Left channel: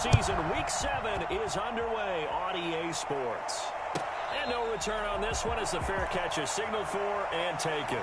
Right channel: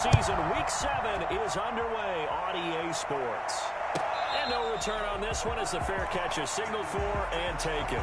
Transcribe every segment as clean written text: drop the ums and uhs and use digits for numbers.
Season Week 7 is underway on EA Sports. And no return on this one as the fair catch is signaled for and taken.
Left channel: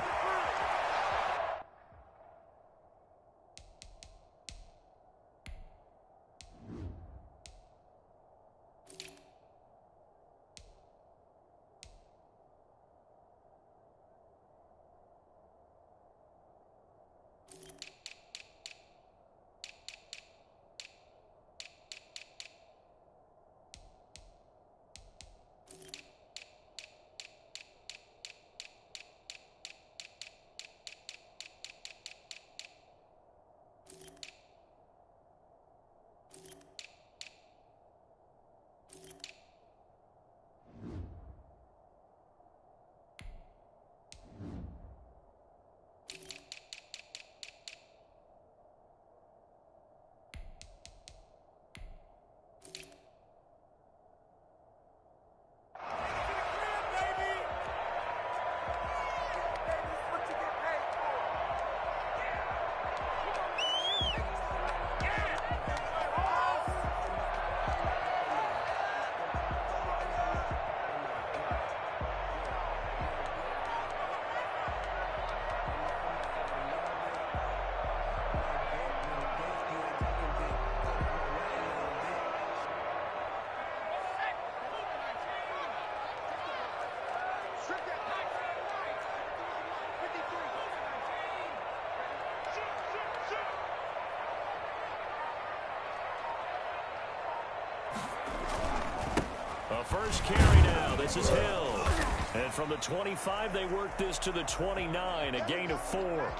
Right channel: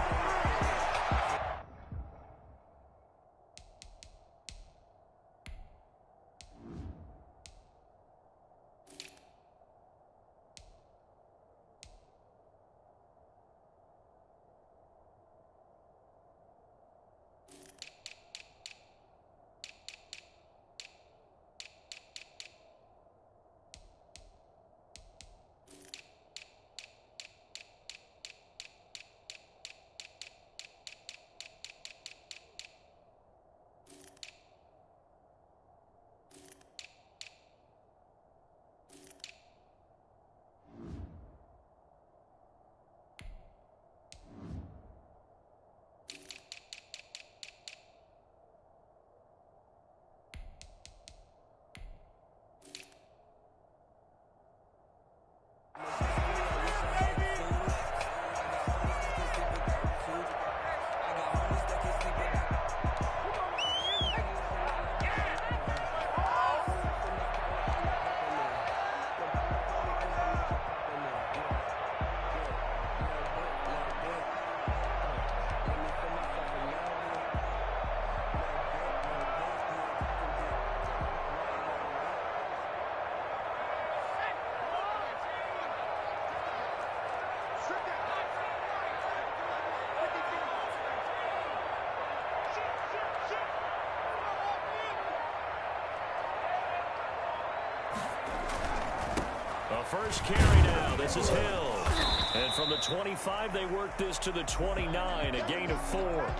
A first carry now. This is Hill. And from the 25, they work this to the 29, a gain of 4.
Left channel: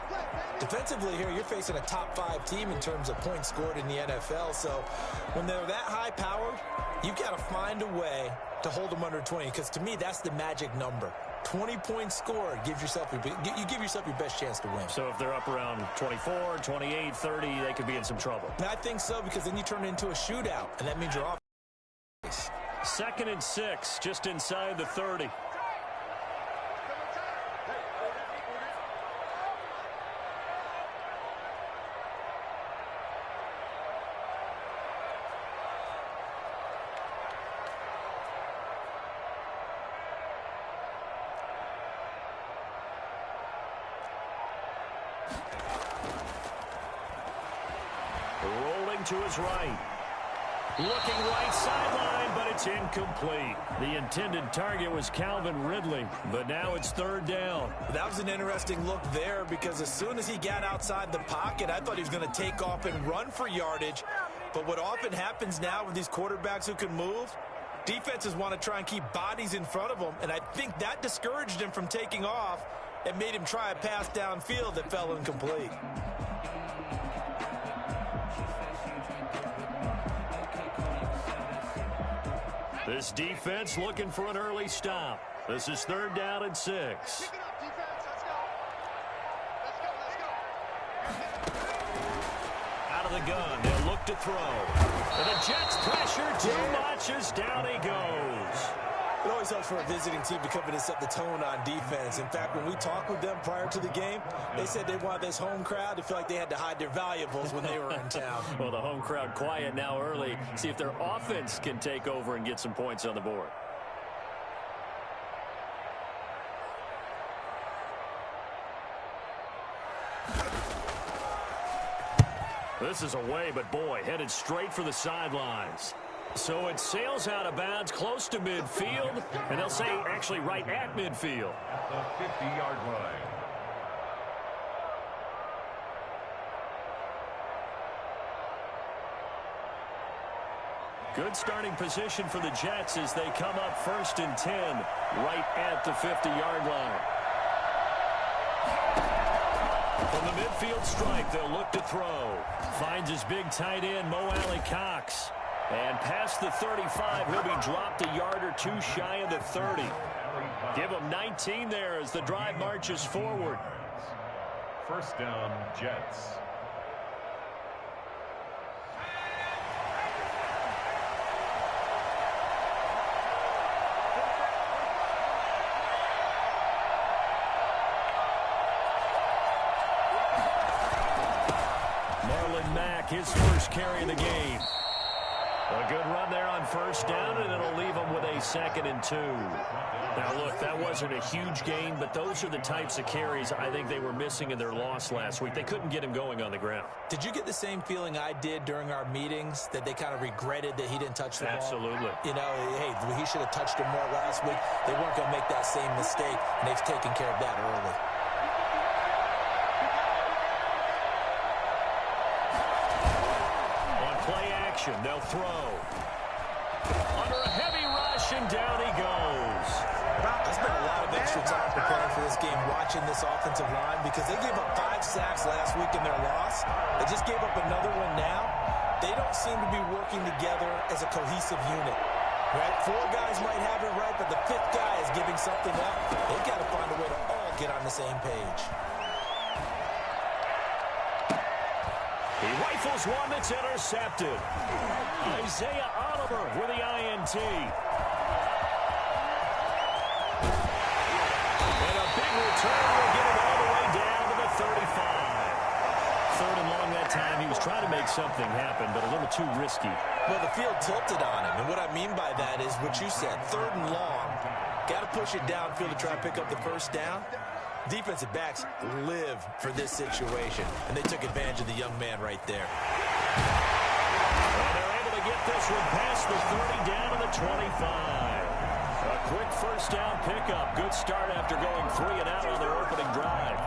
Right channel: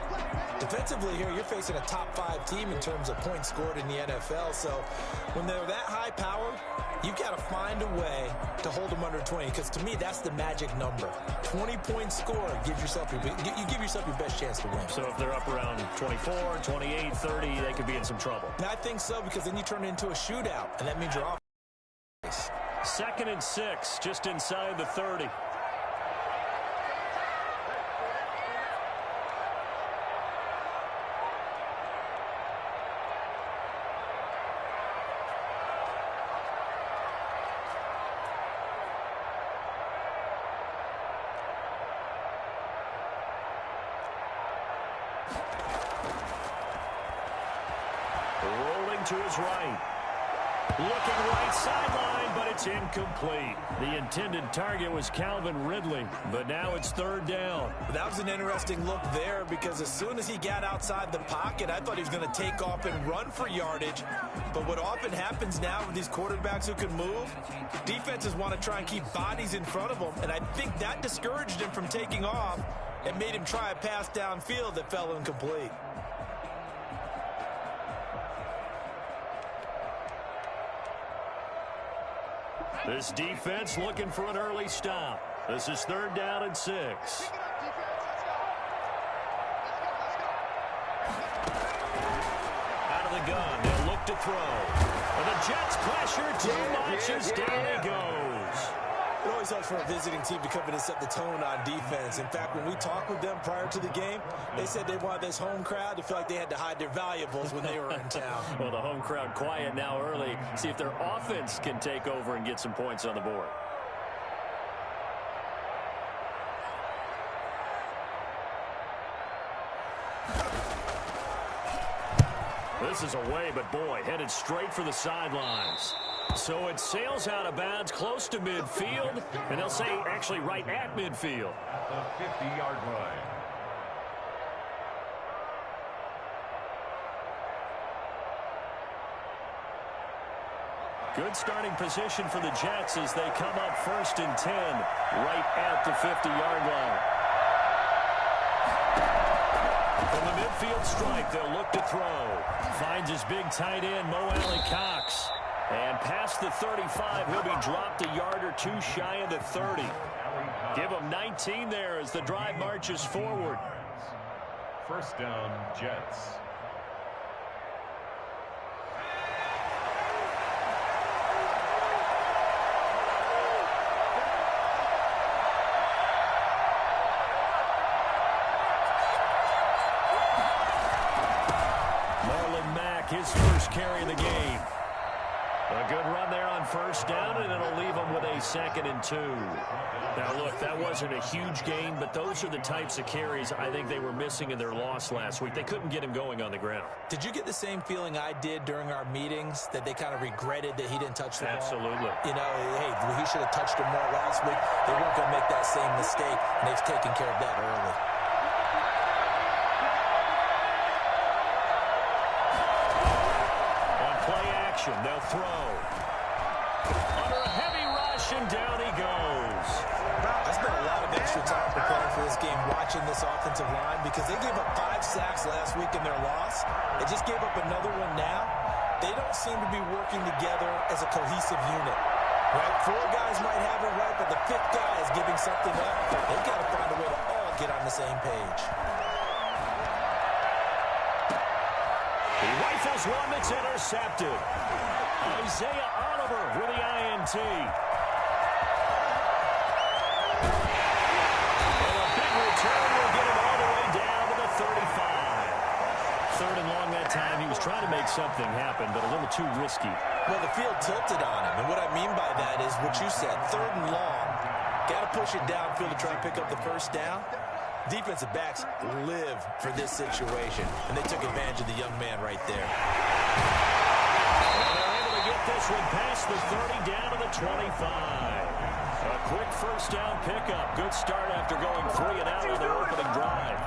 Defensively here, you're facing a top-5 team in terms of points scored in the NFL. So when they're that high-powered, you've got to find a way to hold them under 20. Because to me, that's the magic number. 20 points scored gives yourself you give yourself your best chance to win. So if they're up around 24, 28, 30, they could be in some trouble. And I think so, because then you turn it into a shootout, and that means you're off. 2nd and 6, just inside the 30. Rolling to his right. Looking right sideline, but it's incomplete. The intended target was Calvin Ridley, but now it's 3rd down. That was an interesting look there, because as soon as he got outside the pocket, I thought he was going to take off and run for yardage. But what often happens now with these quarterbacks who can move, defenses want to try and keep bodies in front of them, and I think that discouraged him from taking off and made him try a pass downfield that fell incomplete. This defense looking for an early stop. This is 3rd down and 6. Pick it up, defense. Let's go. Let's go. Out of the gun, they'll look to throw. And the Jets pressure too much as down he goes. It always helps for a visiting team to come in and set the tone on defense. In fact, when we talked with them prior to the game, they said they wanted this home crowd to feel like they had to hide their valuables when they were in town. Well, the home crowd quiet now early. See if their offense can take over and get some points on the board. This is away, but boy, headed straight for the sidelines. So it sails out of bounds close to midfield, and they'll say actually right at midfield. At the 50-yard line. Good starting position for the Jets as they come up 1st and 10 right at the 50-yard line. From the midfield stripe, they'll look to throw. Finds his big tight end, Mo Alley-Cox. And past the 35, he'll be dropped a yard or two shy of the 30. Give him 19 there as the drive marches forward. 1st down, Jets. Marlon Mack, his first carry of the game. A good run there on first down, and it'll leave them with a 2nd and 2. Now, look, that wasn't a huge gain, but those are the types of carries I think they were missing in their loss last week. They couldn't get him going on the ground. Did you get the same feeling I did during our meetings, that they kind of regretted that he didn't touch the ball? Absolutely. You know, hey, he should have touched him more last week. They weren't going to make that same mistake, and they've taken care of that early. Play action, they'll throw. Under a heavy rush, and down he goes. I spent a lot of extra time preparing for this game, watching this offensive line, because they gave up 5 sacks last week in their loss. They just gave up another one now. They don't seem to be working together as a cohesive unit. Right? 4 guys might have it right, but the 5th guy is giving something up. They've got to find a way to all get on the same page. He rifles one that's intercepted. Isaiah Oliver with the INT. And a big return will get him all the way down to the 35. 3rd and long that time. He was trying to make something happen, but a little too risky. Well, the field tilted on him, and what I mean by that is what you said, 3rd and long. Got to push it downfield to try and pick up the first down. Defensive backs live for this situation, and they took advantage of the young man right there. And they're able to get this one past the 30 down to the 25. A quick first down pickup. Good start after going 3 and out on their opening drive.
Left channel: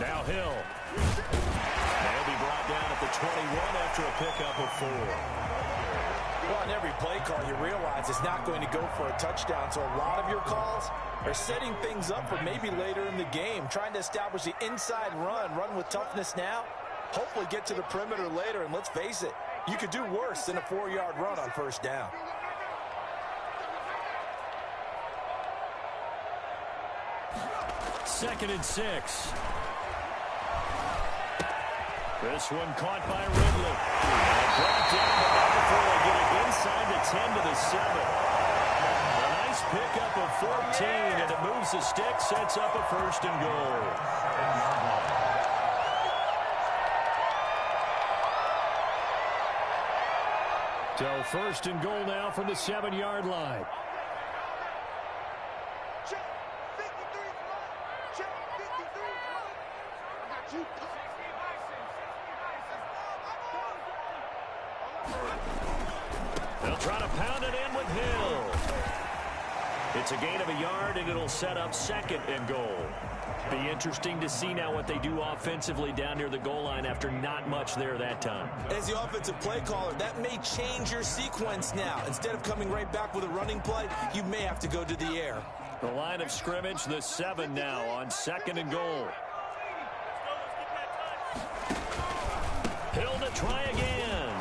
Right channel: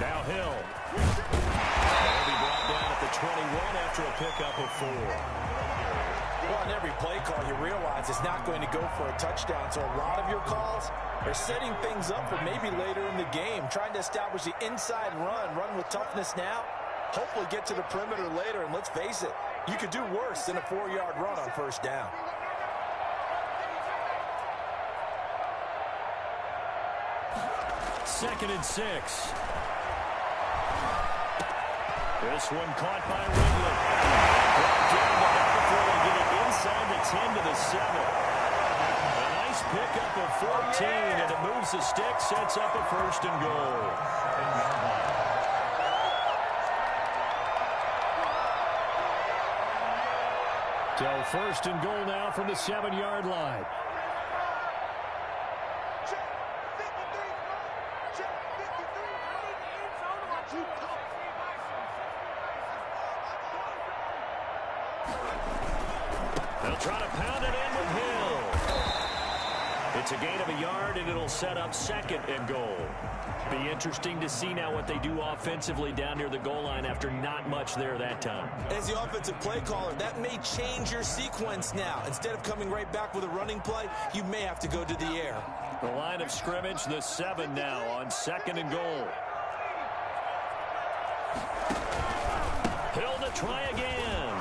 Now Hill. They'll be brought down at the 21 after a pickup of 4. Well, on every play call, you realize it's not going to go for a touchdown, so a lot of your calls are setting things up for maybe later in the game, trying to establish the inside run with toughness now, hopefully get to the perimeter later, and let's face it, you could do worse than a 4-yard run on first down. Second and 6. This one caught by Ridley. And brought down, but not before they get it inside the 10 to the 7. A nice pickup of 14, and it moves the stick, sets up a 1st and goal. So 1st and goal now from the 7-yard line. They'll try to pound it in with Hill. It's a gain of a yard, and it'll set up 2nd and goal. Be interesting to see now what they do offensively down near the goal line after not much there that time. As the offensive play caller, that may change your sequence now. Instead of coming right back with a running play, you may have to go to the air. The line of scrimmage, the 7 now on 2nd and goal. Hill to try again.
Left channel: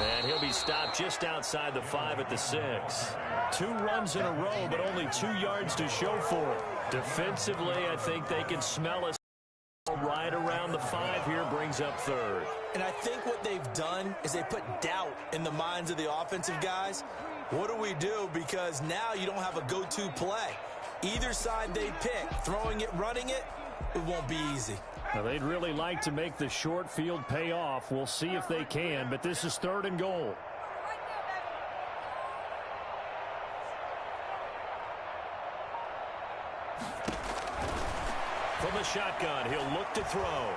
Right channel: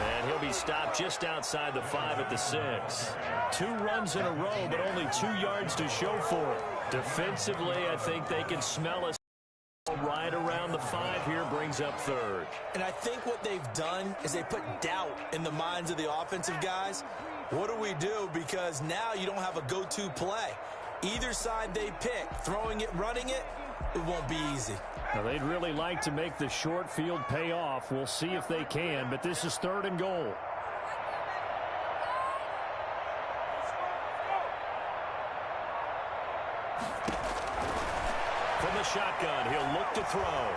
And he'll be stopped just outside the 5 at the 6. 2 runs in a row, but only 2 yards to show for it. Defensively, I think they can smell us right around the 5 here, brings up 3rd. And I think what they've done is they put doubt in the minds of the offensive guys. What do we do? Because now you don't have a go-to play. Either side they pick, throwing it, running it, it won't be easy. Now, they'd really like to make the short field pay off. We'll see if they can, but this is 3rd and goal. From the shotgun, he'll look to throw.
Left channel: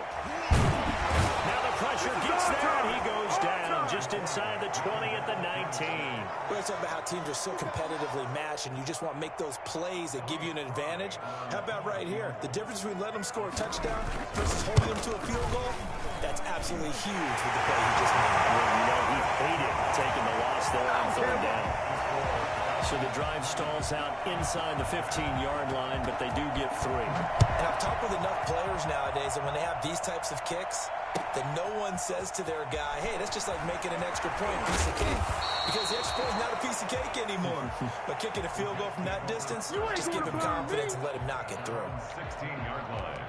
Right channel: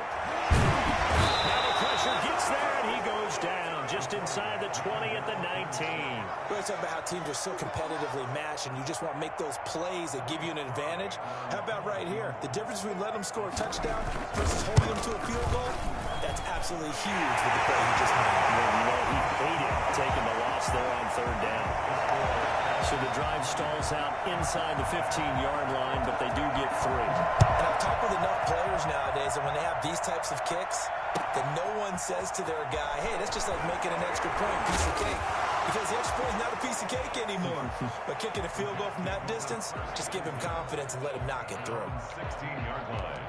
Now the pressure gets there, and he goes down just inside the 20 at the 19. We're talking about how teams are so competitively matched, and you just want to make those plays that give you an advantage. How about right here? The difference between letting them score a touchdown versus holding them to a field goal, that's absolutely huge with the play he just made. Well, you know, he hated taking the loss there on 3rd down. So the drive stalls out inside the 15-yard line, but they do get 3. And I've talked with enough players nowadays that when they have these types of kicks, that no one says to their guy, hey, that's just like making an extra point, piece of cake. Because the extra point is not a piece of cake anymore. But kicking a field goal from that distance, just give him confidence and let him knock it through. 16-yard line.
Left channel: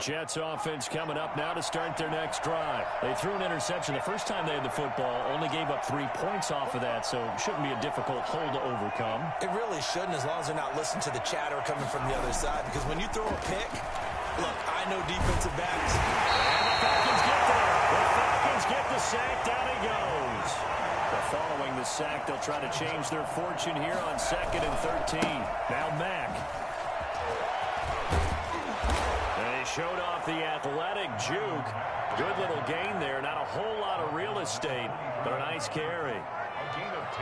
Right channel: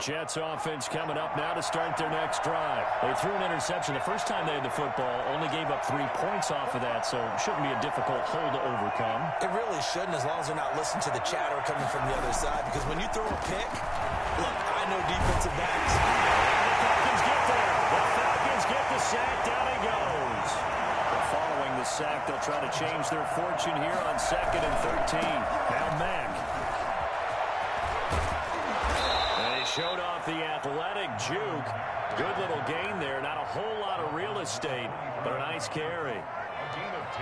Jets offense coming up now to start their next drive. They threw an interception the first time they had the football, only gave up 3 points off of that, so shouldn't be a difficult hole to overcome. It really shouldn't, as long as they're not listening to the chatter coming from the other side, because when you throw a pick, look, I know defensive backs. And the Falcons get there. The Falcons get the sack. Down he goes. But following the sack, they'll try to change their fortune here on 2nd and 13. Now Mack. They showed off the athletic juke. Good little gain there. Not a whole lot of real estate, but a nice carry.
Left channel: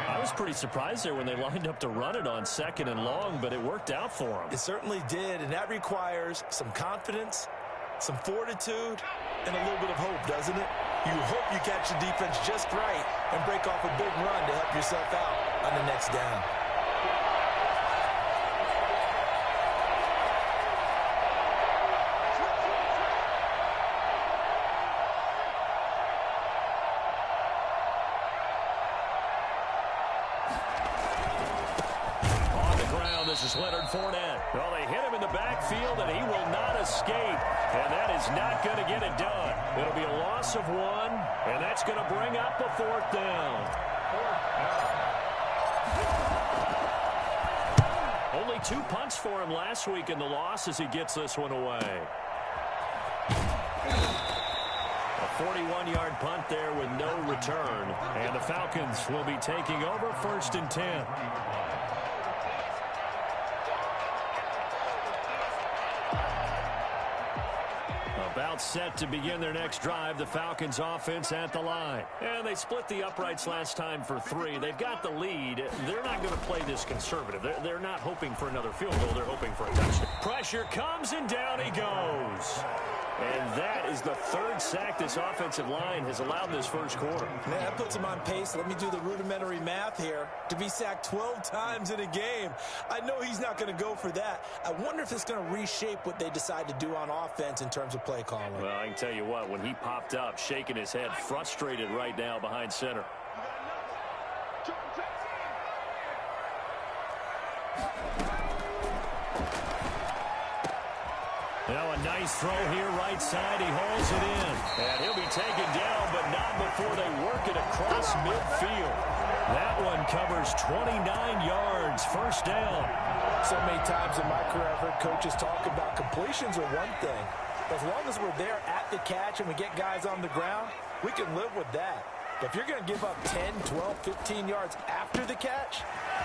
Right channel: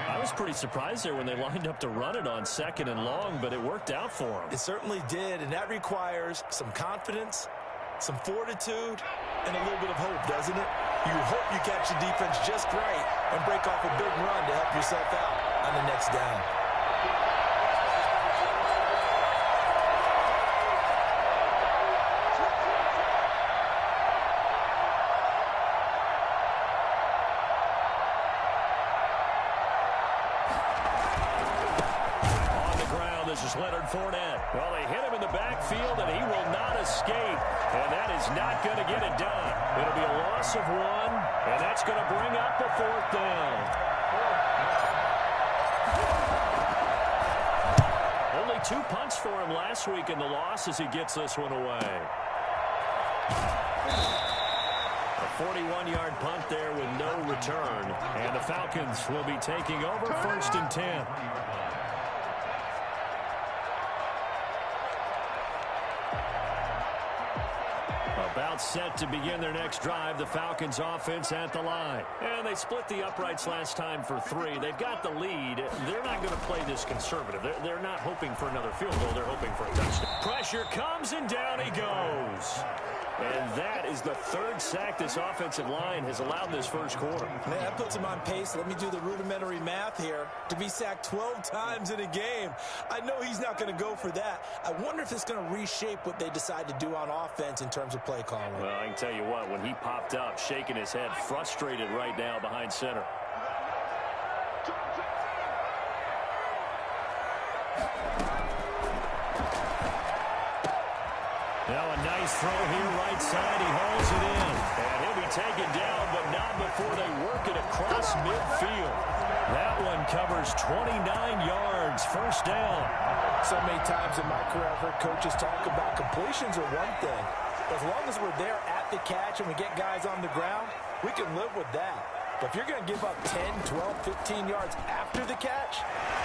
I was pretty surprised there when they lined up to run it on 2nd and long, but it worked out for them. It certainly did, and that requires some confidence, some fortitude, and a little bit of hope, doesn't it? You hope you catch the defense just right and break off a big run to help yourself out on the next down. This is Leonard Fournette. Well, they hit him in the backfield, and he will not escape. And that is not going to get it done. It'll be a loss of 1, and that's going to bring up a 4th down. Only 2 punts for him last week in the loss as he gets this one away. A 41-yard punt there with no return. And the Falcons will be taking over 1st and 10. About set to begin their next drive, the Falcons offense at the line. And they split the uprights last time for 3. They've got the lead. They're not going to play this conservative. They're not hoping for another field goal. They're hoping for a touchdown. Pressure comes, and down he goes. And that is the 3rd sack this offensive line has allowed this first quarter. Man, that puts him on pace. Let me do the rudimentary math here. To be sacked 12 times in a game, I know he's not going to go for that. I wonder if it's going to reshape what they decide to do on offense in terms of play calling. Well, I can tell you what, when he popped up, shaking his head, frustrated right now behind center. Now a nice throw here right side. He hauls it in. And he'll be taken down, but not before they work it across midfield. That one covers 29 yards. 1st down. So many times in my career I've heard coaches talk about completions are one thing. But as long as we're there at the catch and we get guys on the ground, we can live with that. But if you're going to give up 10, 12, 15 yards after the catch,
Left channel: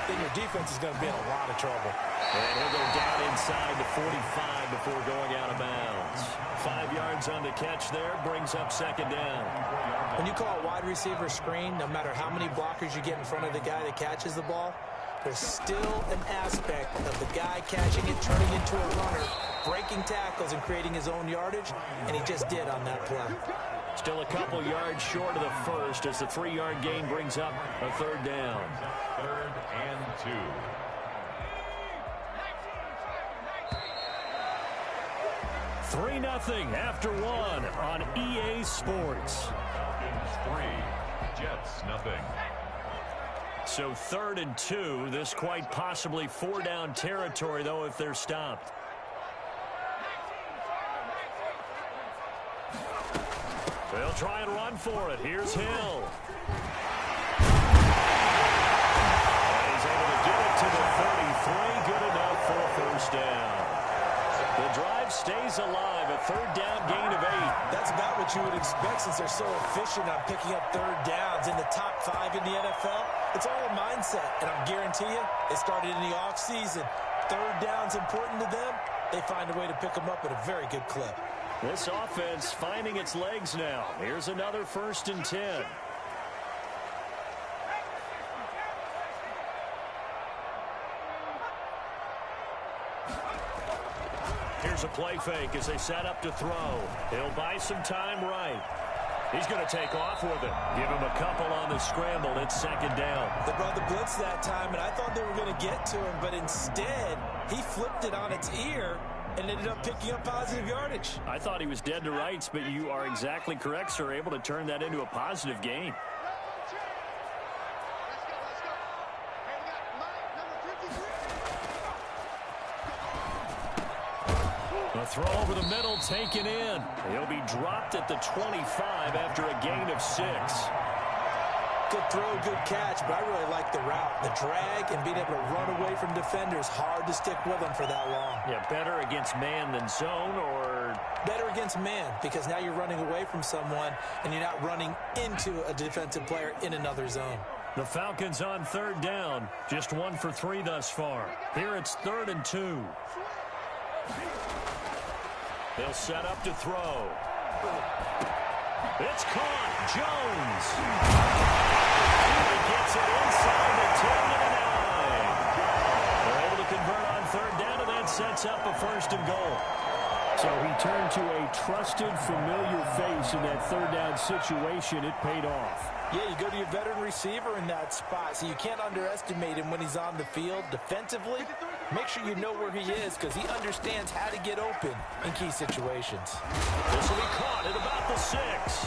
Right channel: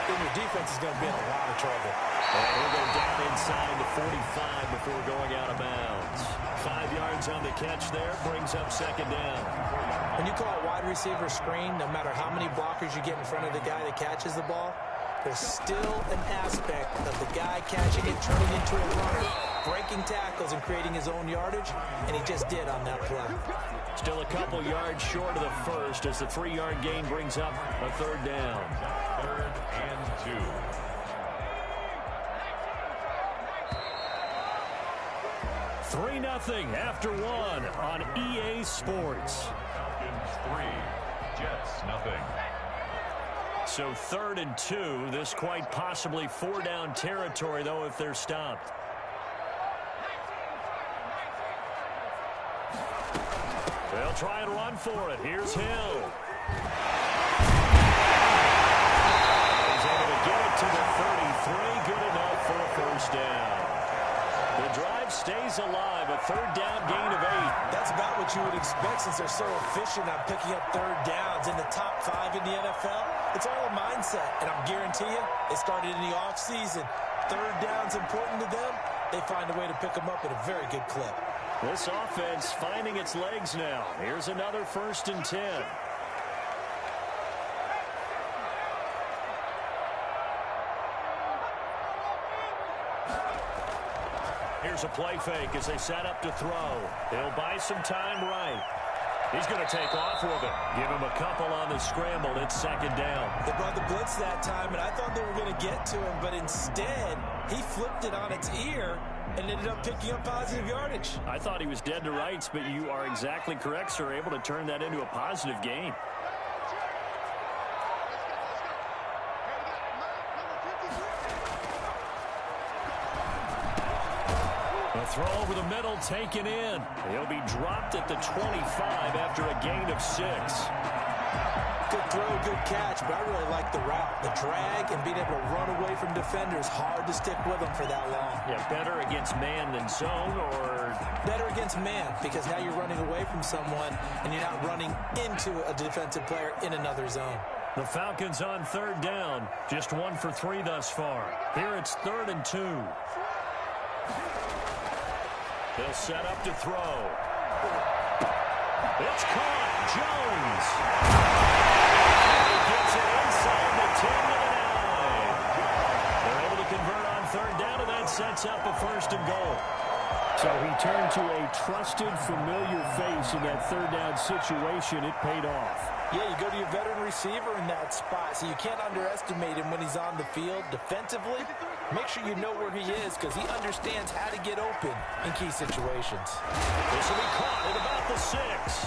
then your defense is going to be in a lot of trouble. And he'll go down inside the 45 before going out of bounds. 5 yards on the catch there, brings up 2nd down. When you call a wide receiver screen, no matter how many blockers you get in front of the guy that catches the ball, there's still an aspect of the guy catching it, turning into a runner, breaking tackles and creating his own yardage, and he just did on that play. Still a couple yards short of the first as the 3-yard gain brings up a 3rd down. 3rd and 2. Three 3-0 after 1 on EA Sports. Falcons 3, Jets 0. So 3rd and 2. This quite possibly 4-down territory, though, if they're stopped. They'll try and run for it. Here's Hill. He's able to get it to the 33. Good enough for a 1st down. The drive stays alive. A 3rd down gain of 8. That's about what you would expect since they're so efficient on picking up 3rd downs in the top 5 in the NFL. It's all a mindset, and I'm guarantee you it started in the offseason. 3rd down's important to them. They find a way to pick them up at a very good clip. This offense finding its legs now. Here's another 1st and 10. Here's a play fake as they set up to throw. He'll buy some time right. He's going to take off with it. Give him a couple on the scramble. It's 2nd down. They brought the blitz that time, and I thought they were going to get to him, but instead he flipped it on its ear and ended up picking up positive yardage. I thought he was dead to rights, but you are exactly correct, sir. Able to turn that into a positive gain. The throw over the middle taken in. He'll be dropped at the 25 after a gain of 6. Good throw, good catch, but I really like the route. The drag and being able to run away from defenders, hard to stick with them for that long. Yeah, better against man than zone, or better against man, because now you're running away from someone and you're not running into a defensive player in another zone. The Falcons on 3rd down. Just 1 for 3 thus far. Here it's 3rd and 2. They'll set up to throw. It's caught. Jones. He gets it inside the 10 to the 9. They're able to convert on 3rd down, and that sets up a 1st and goal. So he turned to a trusted, familiar face in that 3rd down situation. It paid off. Yeah, you go to your veteran receiver in that spot, so you can't underestimate him when he's on the field. Defensively, make sure you know where he is, because he understands how to get open in key situations. This will be caught at about the 6.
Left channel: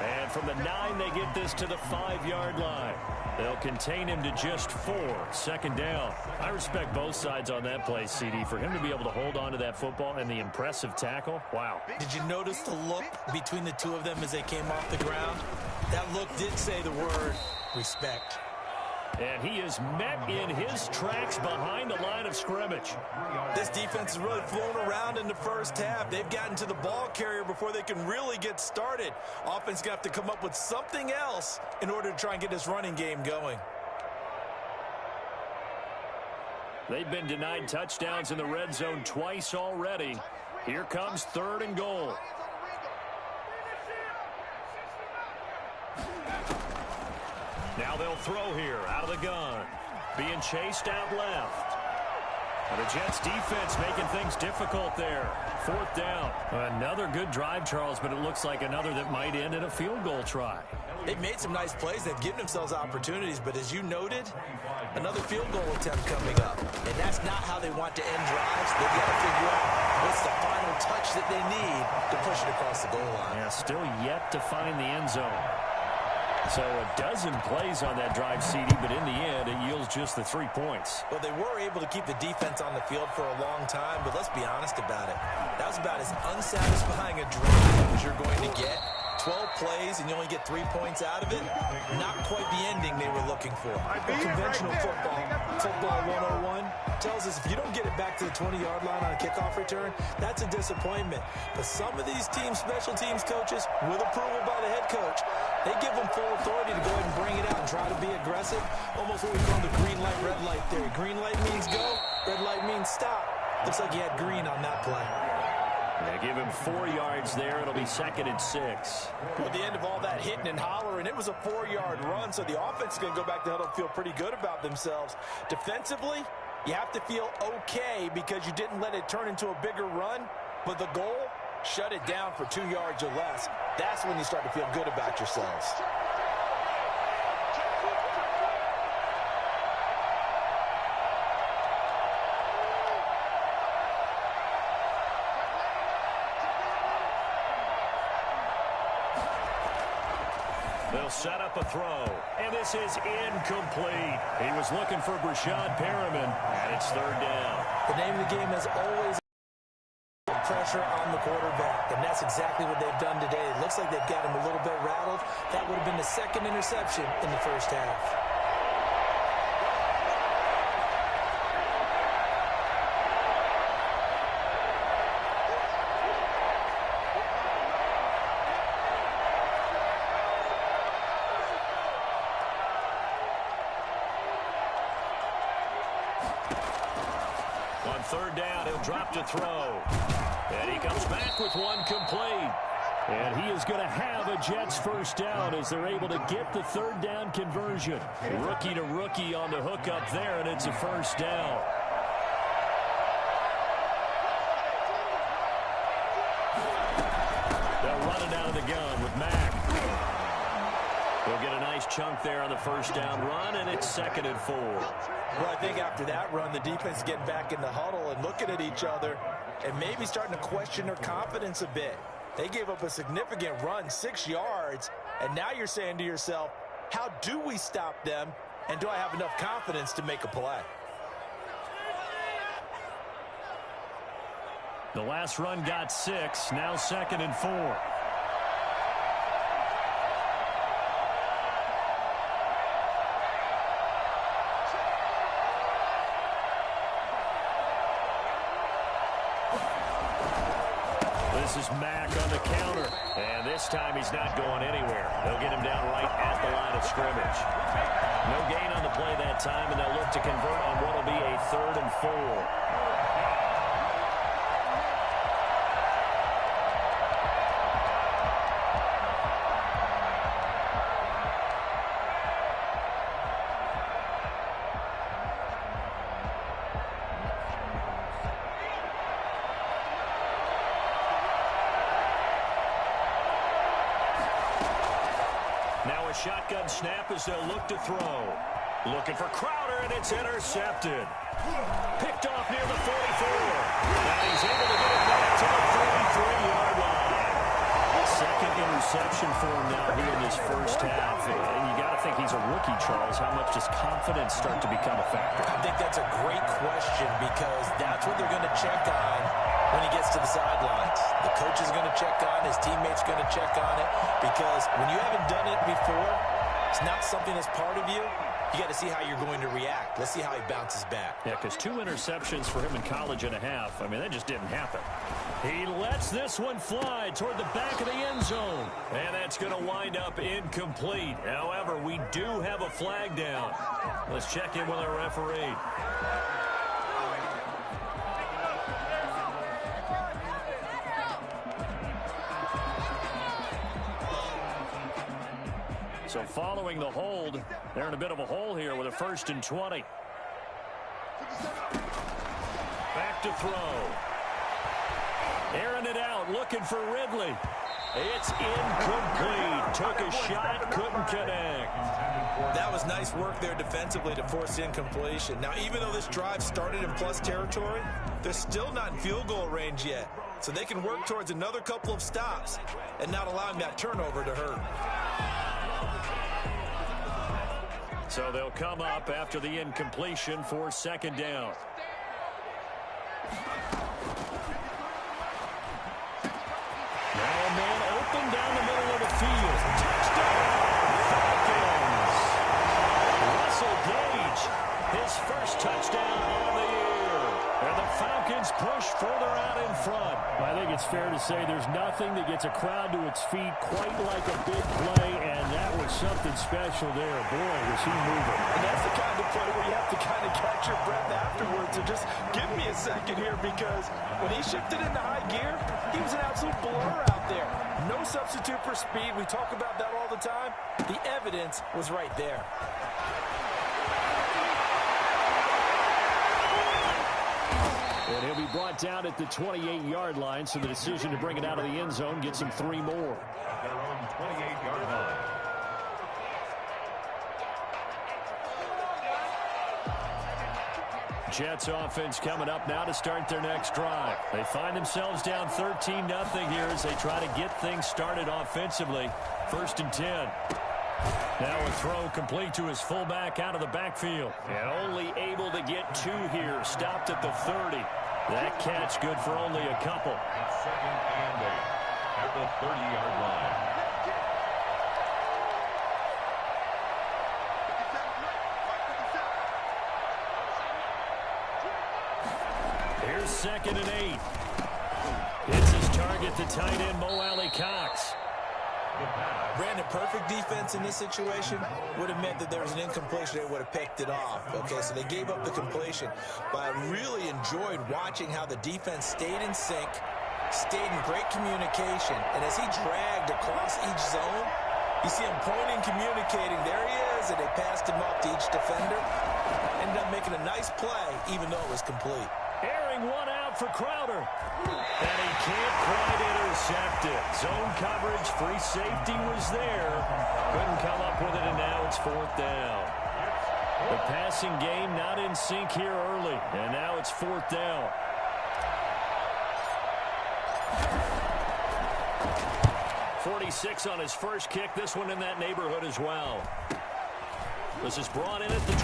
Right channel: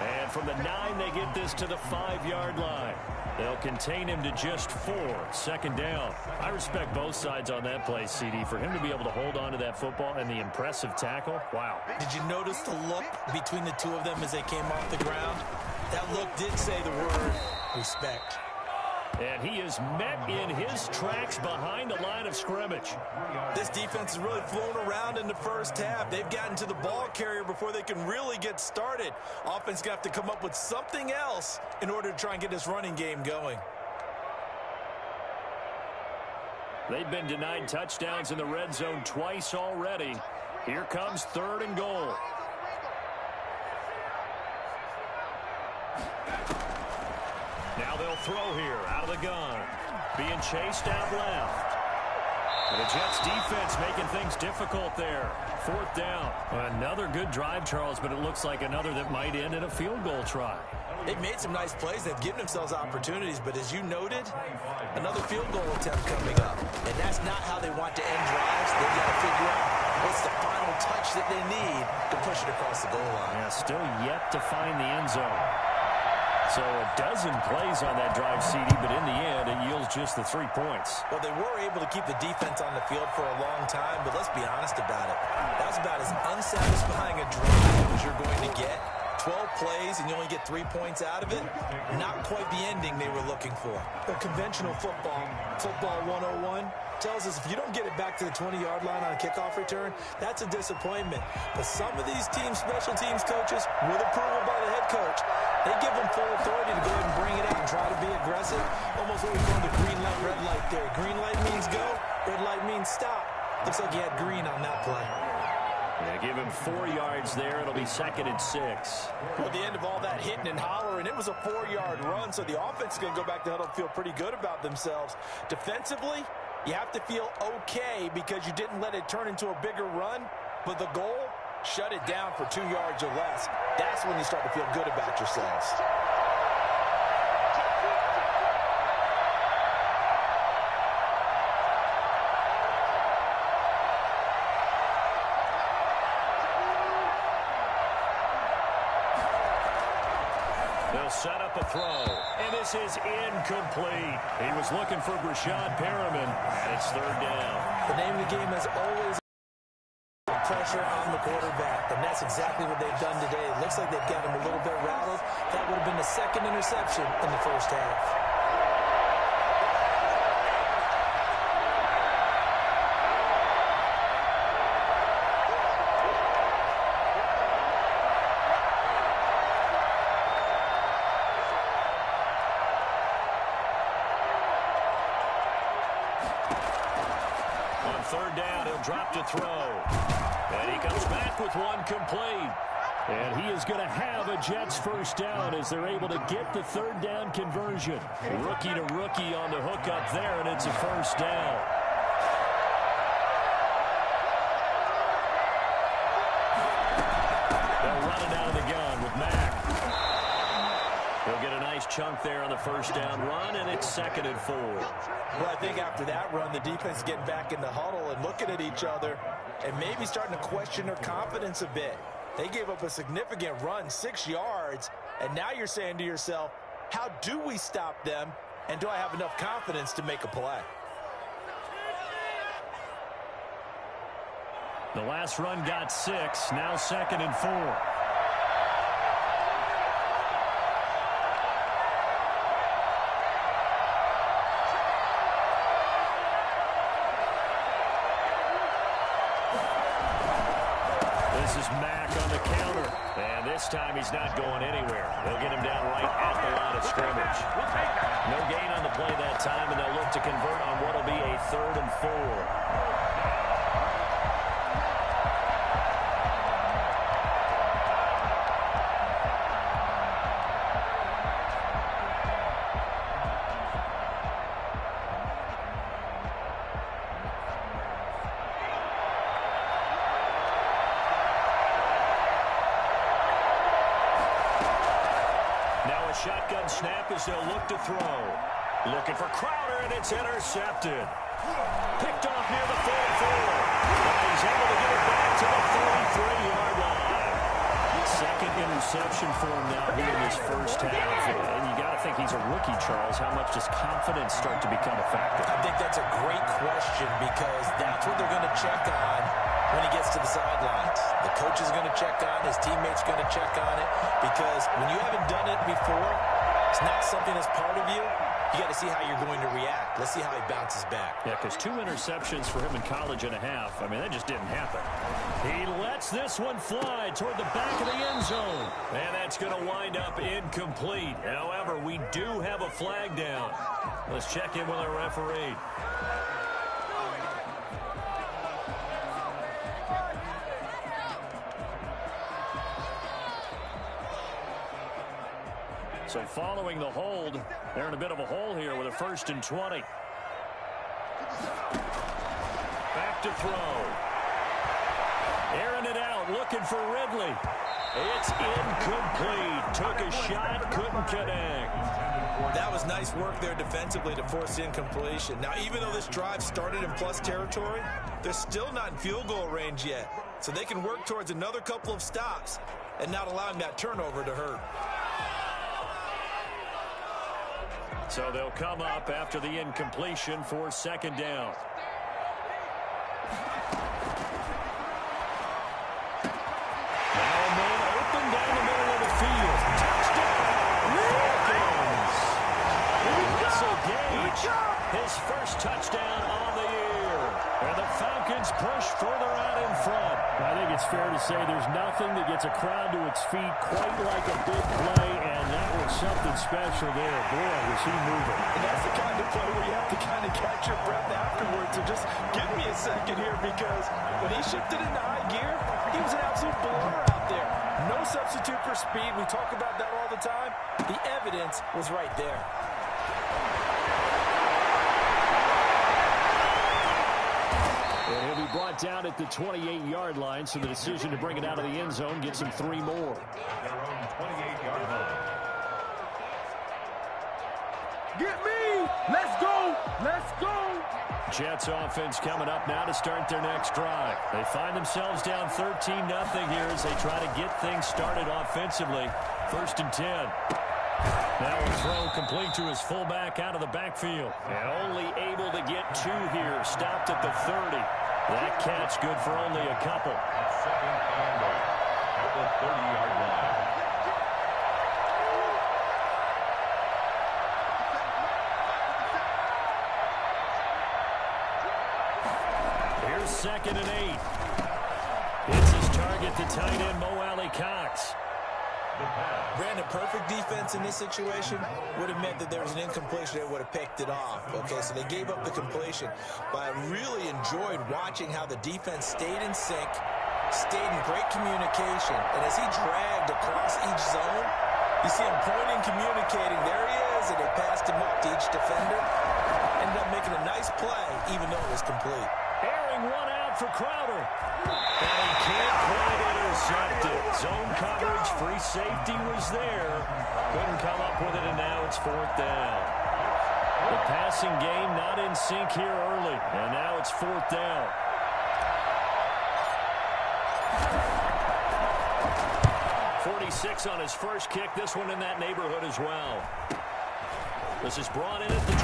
And from the 9, they get this to the 5-yard line. They'll contain him to just 4. 2nd down. I respect both sides on that play, CD. For him to be able to hold on to that football and the impressive tackle, wow. Did you notice the look between the two of them as they came off the ground? That look did say the word respect. And he is met in his tracks behind the line of scrimmage. This defense has really flown around in the first half. They've gotten to the ball carrier before they can really get started. Offense going to have to come up with something else in order to try and get this running game going. They've been denied touchdowns in the red zone twice already. Here comes 3rd and goal. Now they'll throw here out of the gun. Being chased out left. And the Jets defense making things difficult there. 4th down. Another good drive, Charles, but it looks like another that might end in a field goal try. They've made some nice plays. They've given themselves opportunities, but as you noted, another field goal attempt coming up. And that's not how they want to end drives. They've got to figure out what's the final touch that they need to push it across the goal line. Yeah, still yet to find the end zone. So a dozen plays on that drive, CD, but in the end, it yields just the 3 points. Well, they were able to keep the defense on the field for a long time, but let's be honest about it. That was about as unsatisfying a drive as you're going to get. 12 plays and you only get 3 points out of it. Not quite the ending they were looking for. But conventional football 101, tells us if you don't get it back to the 20-yard line on a kickoff return, that's a disappointment. But some of these teams, special teams coaches, with approval by the head coach, they give them full authority to go ahead and bring it out and try to be aggressive. Almost what we call the green light, red light theory. Green light means go, red light means stop. Looks like he had green on that play. Yeah, give him 4 yards there. It'll be 2nd and 6. Well, at the end of all that hitting and hollering, it was a 4-yard run, so the offense is going to go back to huddle and feel pretty good about themselves. Defensively, you have to feel okay because you didn't let it turn into a bigger run, but the goal, shut it down for 2 yards or less. That's when you start to feel good about yourselves. They'll set up a throw, and this is incomplete. He was looking for Brashad Perriman, and it's 3rd down. The name of the game is always pressure on the quarterback, and that's exactly what they've done today. It looks like they've got him a little bit rattled. That would have been the 2nd interception in the first half. On 3rd down, he'll drop to throw. And he comes back with one complete. And he is going to have a Jets first down as they're able to get the 3rd down conversion. Rookie to rookie on the hook up there, and it's a first down. They'll run it out of the gun with Mack. He'll get a nice chunk there on the first down run, and it's 2nd and 4. Well, I think after that run, the defense is getting back in the huddle and looking at each other and maybe starting to question their confidence a bit. They gave up a significant run, 6 yards, and now you're saying to yourself, how do we stop them, and do I have enough confidence to make a play? The last run got 6. Now 2nd and 4. This is Mack on the counter. And this time he's not going anywhere. They'll get him down right at the line of scrimmage. No gain on the play that time, and they'll look to convert on what will be a 3rd and 4. Now a shotgun snap as they'll look to throw. Looking for Crowder, and it's intercepted. Picked off near the 44. And he's able to get it back to the 33-yard line. Second interception for him now here in this first half. And you got to think he's a rookie, Charles. How much does confidence start to become a factor? I think that's a great question because that's what they're going to check on when he gets to the sidelines. The coach is going to check on, his teammates going to check on it, because when you haven't done it before, it's not something that's part of you. You got to see how you're going to react. Let's see how he bounces back. Yeah, because 2 interceptions for him in college and a half. I mean, that just didn't happen. He lets this one fly toward the back of the end zone. And that's going to wind up incomplete. However, we do have a flag down. Let's check in with our referee. So following the hold, they're in a bit of a hole here with a 1st and 20. Back to throw. Airing it out, looking for Ridley. It's incomplete. Took a shot, couldn't connect. That was nice work there defensively to force incompletion. Now, even though this drive started in plus territory, they're still not in field goal range yet. So they can work towards another couple of stops and not allowing that turnover to hurt. So they'll come up after the incompletion for 2nd down. Now a man open down the middle of the field. Touchdown, Falcons! Russell Gage, his first touchdown on the year. And the Falcons push further out in front. I think it's fair to say there's nothing that gets a crowd to its feet quite like a big play, and that was something special there. Boy, was he moving. And that's the kind of play where you have to kind of catch your breath afterwards and just give me a second here, because when he shifted into high gear, he was an absolute blur out there. No substitute for speed. We talk about that all the time. The evidence was right there. And he'll be brought down at the 28-yard line, so the decision to bring it out of the end zone gets him 3 more. At their own 28-yard line. Get me! Let's go! Let's go! Jets offense coming up now to start their next drive. They find themselves down 13-0 here as they try to get things started offensively. 1st and 10. Now a throw complete to his fullback out of the backfield. And only able to get 2 here. Stopped at the 30. That catch good for only a couple. 2nd and 8 at the 30-yard line. Here's 2nd and 8. It's his target, the tight end, Mo Cox. Brandon, perfect defense in this situation would have meant that there was an incompletion. They would have picked it off. Okay, so they gave up the completion. But I really enjoyed watching how the defense stayed in sync, stayed in great communication. And as he dragged across each zone, you see him pointing, communicating. There he is, and they passed him off to each defender. Ended up making a nice play, even though it was complete. Airing one out for Crowder. And he can't quite intercept it. Zone coverage, free safety was there. Couldn't come up with it, and now it's 4th down. The passing game not in sync here early, and now it's 4th down. .46 on his first kick. This one in that neighborhood as well. This is brought in at the 21.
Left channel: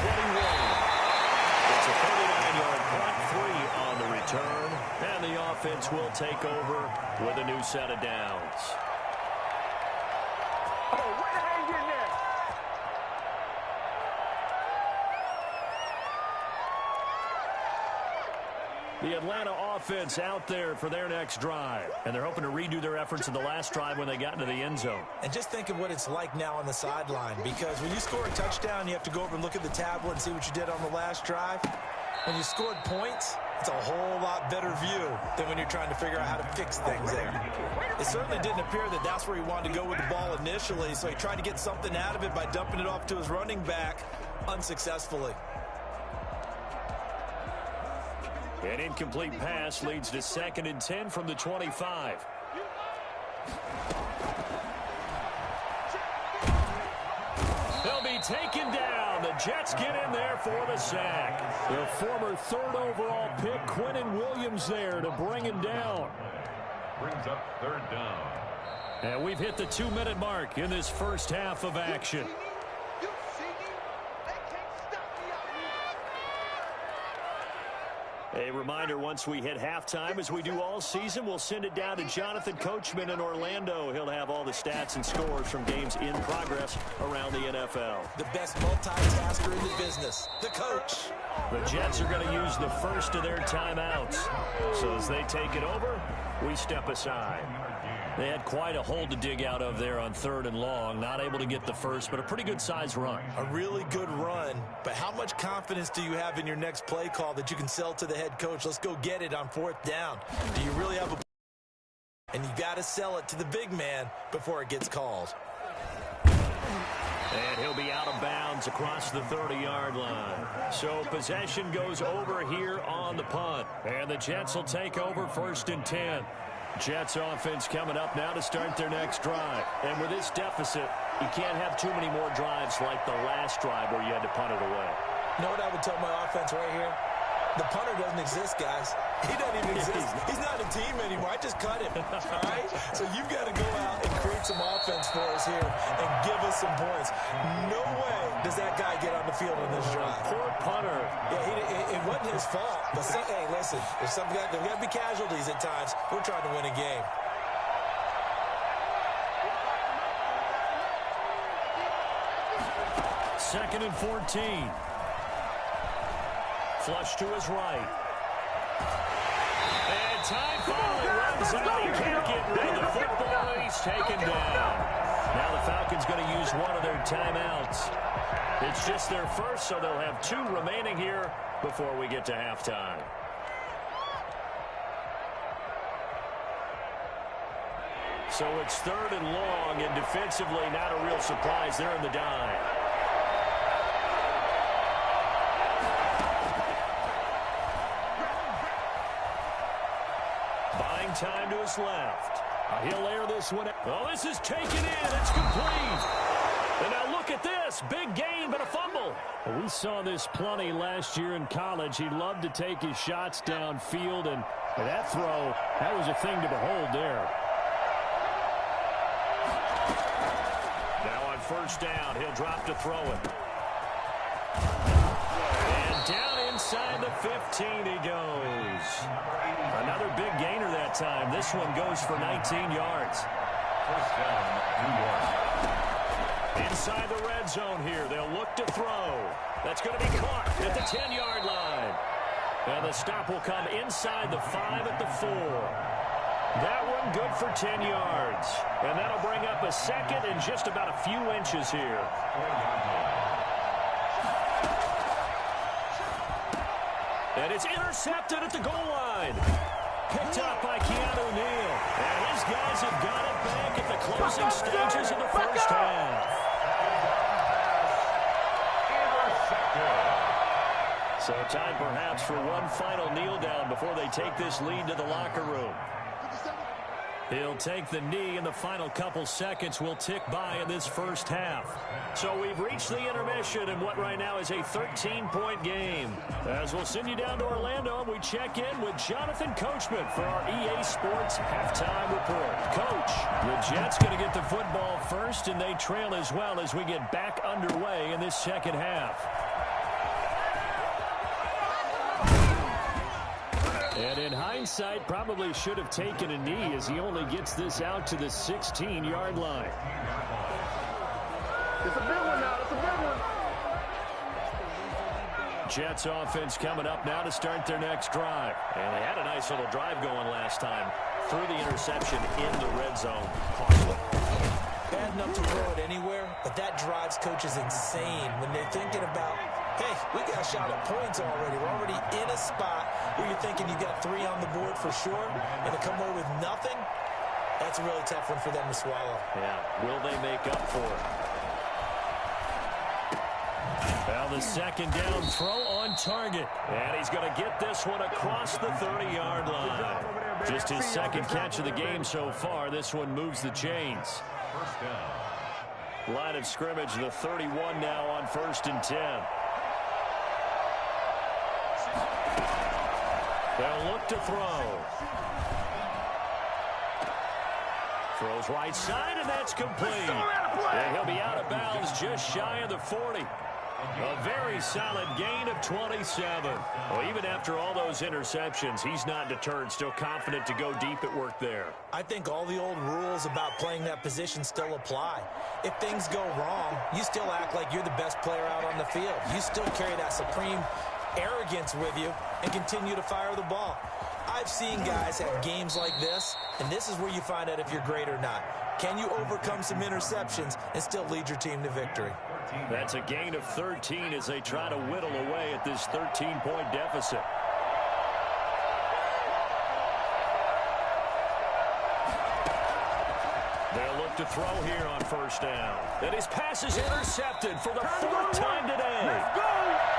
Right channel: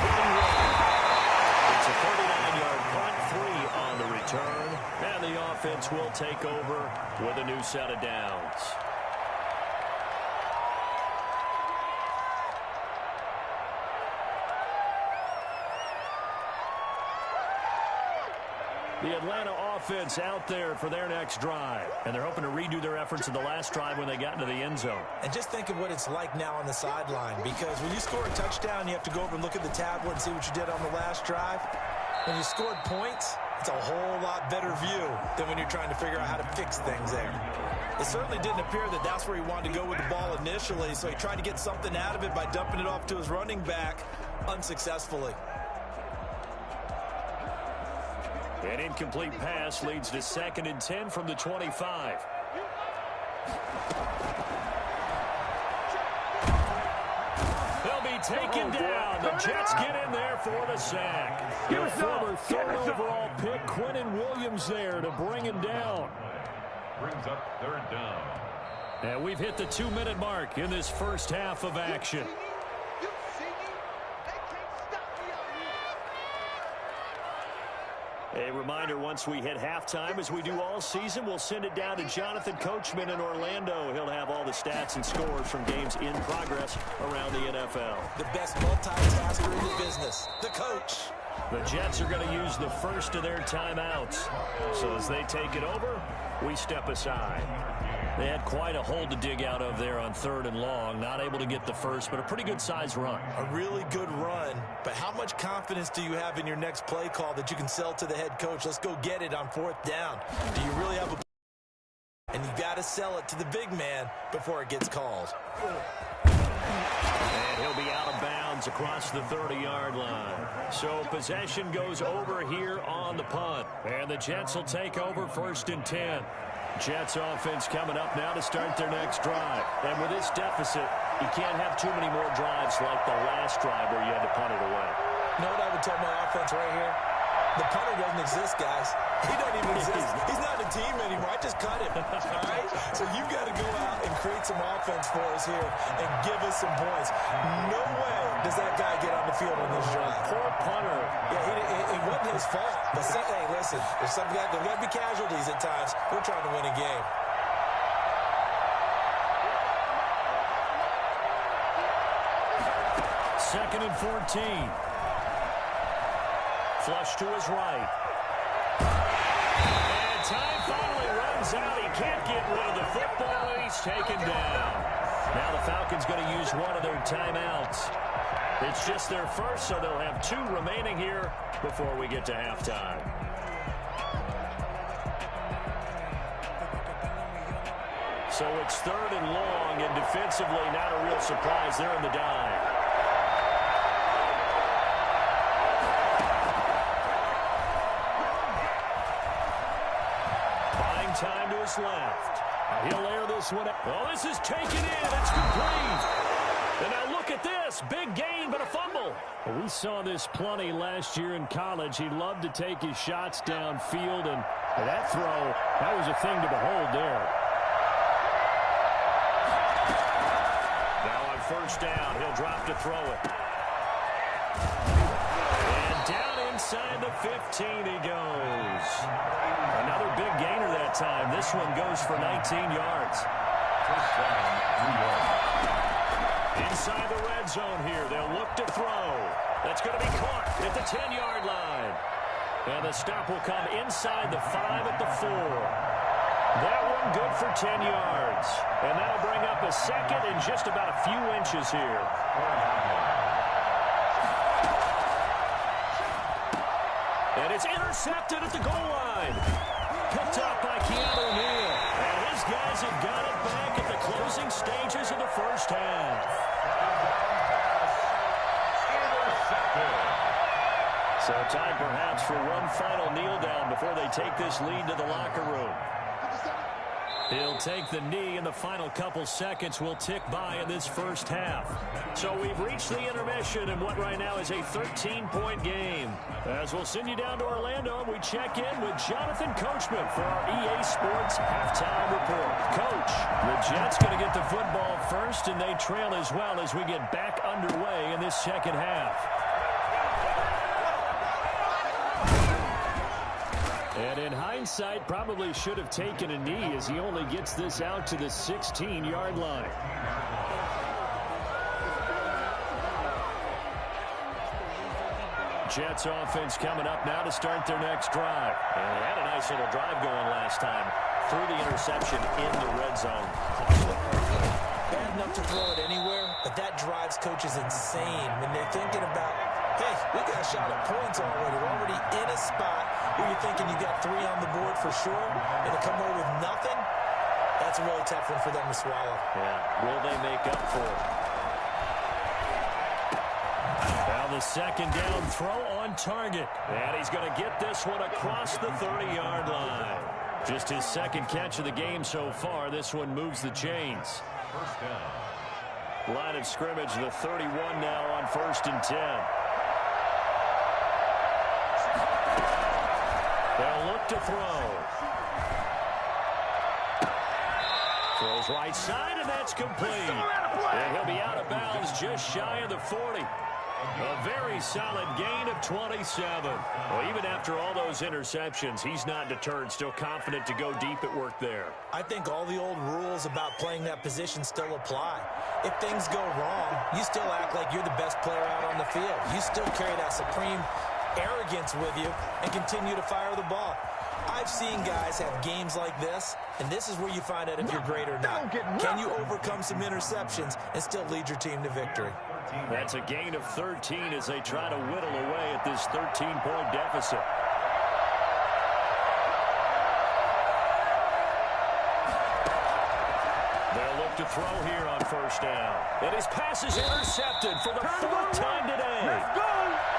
It's a 39-yard punt, 3 on the return, and the offense will take over with a new set of downs. The Atlanta offense out there for their next drive. And they're hoping to redo their efforts in the last drive when they got into the end zone. And just think of what it's like now on the sideline, because when you score a touchdown, you have to go over and look at the tablet and see what you did on the last drive. When you scored points, it's a whole lot better view than when you're trying to figure out how to fix things there. It certainly didn't appear that that's where he wanted to go with the ball initially, so he tried to get something out of it by dumping it off to his running back unsuccessfully. An incomplete pass leads to 2nd and 10 from the 25. They'll be taken down. The Jets get in there for the sack. Their former 3rd overall pick, Quinnen Williams, there to bring him down. Brings up 3rd down. And we've hit the 2-minute mark in this first half of action. A reminder, once we hit halftime, as we do all season, we'll send it down to Jonathan Coachman in Orlando. He'll have all the stats and scores from games in progress around the NFL. The best multitasker in the business, the coach. The Jets are going to use the first of their timeouts. So as they take it over, we step aside. They had quite a hole to dig out of there on 3rd and long. Not able to get the first, but a pretty good-sized run. A really good run. But how much confidence do you have in your next play call that you can sell to the head coach? Let's go get it on 4th down. Do you really have a... And you got to sell it to the big man before it gets called. And he'll be out of bounds across the 30-yard line. So possession goes over here on the punt. And the Jets will take over 1st and 10. Jets offense coming up now to start their next drive. And with this deficit, you can't have too many more drives like the last drive where you had to punt it away. You know what I would tell my offense right here? The punter doesn't exist, guys. He doesn't even exist. He's not a team anymore. I just cut him, all right? So you've got to go out and create some offense for us here and give us some points. No way does that guy get on the field on this drive. Poor punter. Yeah, it wasn't his fault. But hey, listen, there's got to be casualties at times. We're trying to win a game. Second and 14. Flush to his right. And time finally runs out. He can't get rid of the football, and he's taken down. Now the Falcons going to use one of their timeouts. It's just their first, so they'll have 2 remaining here before we get to halftime. So it's 3rd and long, and defensively not a real surprise. They're in the dime. Buying time to his left. He'll air this one. Oh, this is taken in. It's complete. And now look at this. Big gain, but a fumble. Well, we saw this plenty last year in college. He loved to take his shots downfield, and that throw, that was a thing to behold there. Now on 1st down, he'll drop to throw it. And down inside the 15 he goes. Another big gainer that time. This one goes for 19 yards. 1st down, New York. Inside the red zone here. They'll look to throw. That's going to be caught at the 10-yard line. And the stop will come inside the 5 at the 4. That one good for 10 yards. And that'll bring up a 2nd and just about a few inches here. And it's intercepted at the goal line. Picked up by Keanu Neal. And his guys have got it back at the closing stages of the first half. Intercepted. So time perhaps for one final kneel down before they take this lead to the locker room. He'll take the knee, and the final couple seconds will tick by in this first half. So we've reached the intermission in what right now is a 13-point game. As we'll send you down to Orlando, and we check in with Jonathan Coachman for our EA Sports Halftime Report. Coach, the Jets going to get the football first, and they trail as well as we get back underway in this second half. And in hindsight, probably should have taken a knee as he only gets this out to the 16-yard line. Jets offense coming up now to start their next drive. And they had a nice little drive going last time. Threw the interception in the red zone. Costly. Bad enough to throw it anywhere, but that drives coaches insane when they're thinking about, hey, we got a shot at points already. We're already in a spot where you're thinking you got 3 on the board for sure, and to come away with nothing, that's a really tough one for them to swallow. Yeah, will they make up for it? Now the second down throw on target. And he's going to get this one across the 30-yard line. Just his second catch of the game so far. This one moves the chains. First down. Line of scrimmage, the 31 now on 1st and 10. They'll look to throw. Throws right side, and that's complete. And he'll be out of bounds just shy of the 40. A very solid gain of 27. Well, even after all those interceptions, he's not deterred, still confident to go deep at work there. I think all the old rules about playing that position still apply. If things go wrong, you still act like you're the best player out on the field. You still carry that supreme arrogance with you and continue to fire the ball. I've seen guys have games like this, and this is where you find out if you're great or not. Can you overcome some interceptions and still lead your team to victory? That's a gain of 13 as they try to whittle away at this 13-point deficit. They'll look to throw here on 1st down. And his pass is intercepted for the 4th time today. Let's go!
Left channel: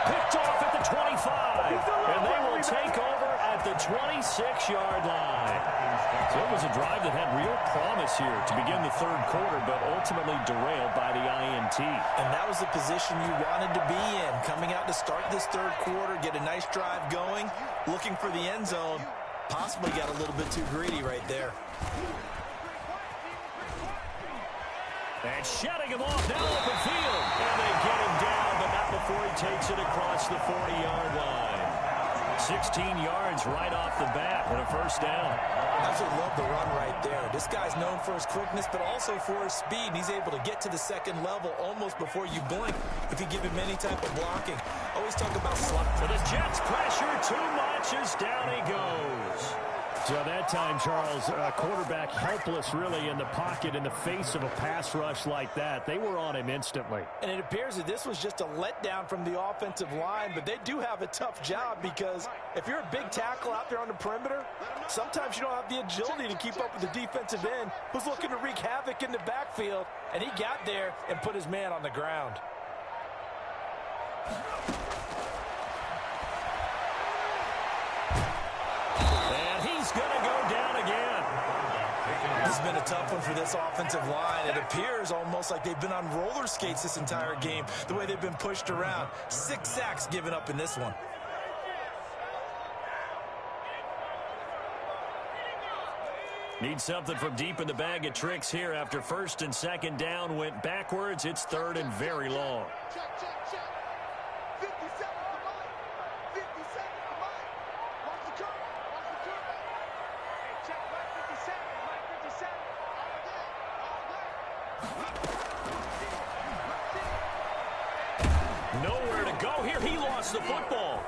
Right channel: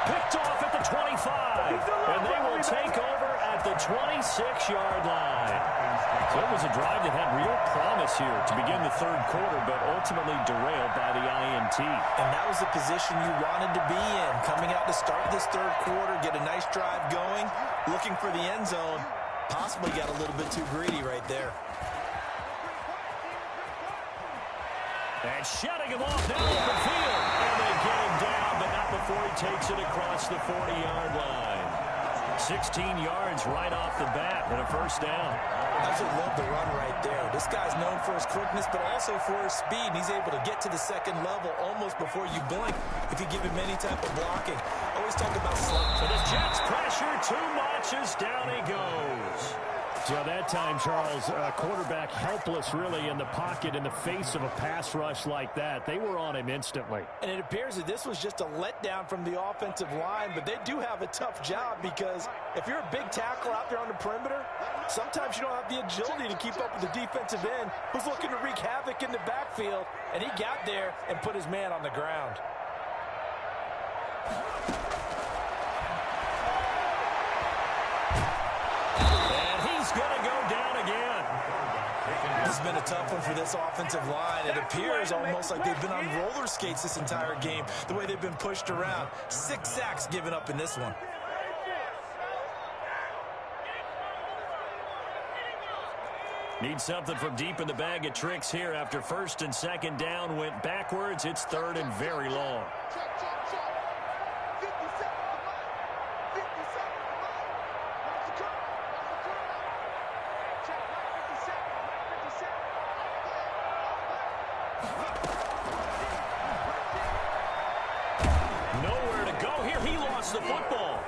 Picked off at the 25. And they will take over at the 26-yard line. So it was a drive that had real promise here to begin the 3rd quarter, but ultimately derailed by the INT. And that was the position you wanted to be in. Coming out to start this 3rd quarter, get a nice drive going, looking for the end zone. Possibly got a little bit too greedy right there. And shutting him off now open field. And they get him down, but not before he takes it across the 40-yard line. 16 yards right off the bat and a 1st down. I absolutely love the run right there. This guy's known for his quickness, but also for his speed. And he's able to get to the 2nd level almost before you blink if you give him any type of blocking. Always talk about slot. So the Jets pressure too much as down he goes. So that time, Charles, quarterback helpless really in the pocket in the face of a pass rush like that. They were on him instantly. And it appears that this was just a letdown from the offensive line, but they do have a tough job because if you're a big tackle out there on the perimeter, sometimes you don't have the agility to keep up with the defensive end who's looking to wreak havoc in the backfield, and he got there and put his man on the ground. He's going to go down again. This has been a tough one for this offensive line. It appears almost like they've been on roller skates this entire game, the way they've been pushed around. 6 sacks given up in this one. Need something from deep in the bag of tricks here after 1st and 2nd down went backwards. It's 3rd and very long. Check, check, check. 50 seconds to mine. 50 seconds to mine. Watch the curve. Watch the curve. Hey, check. Right 50 seconds. Right 50 seconds. All good. All good. Nowhere to go here. He lost the football.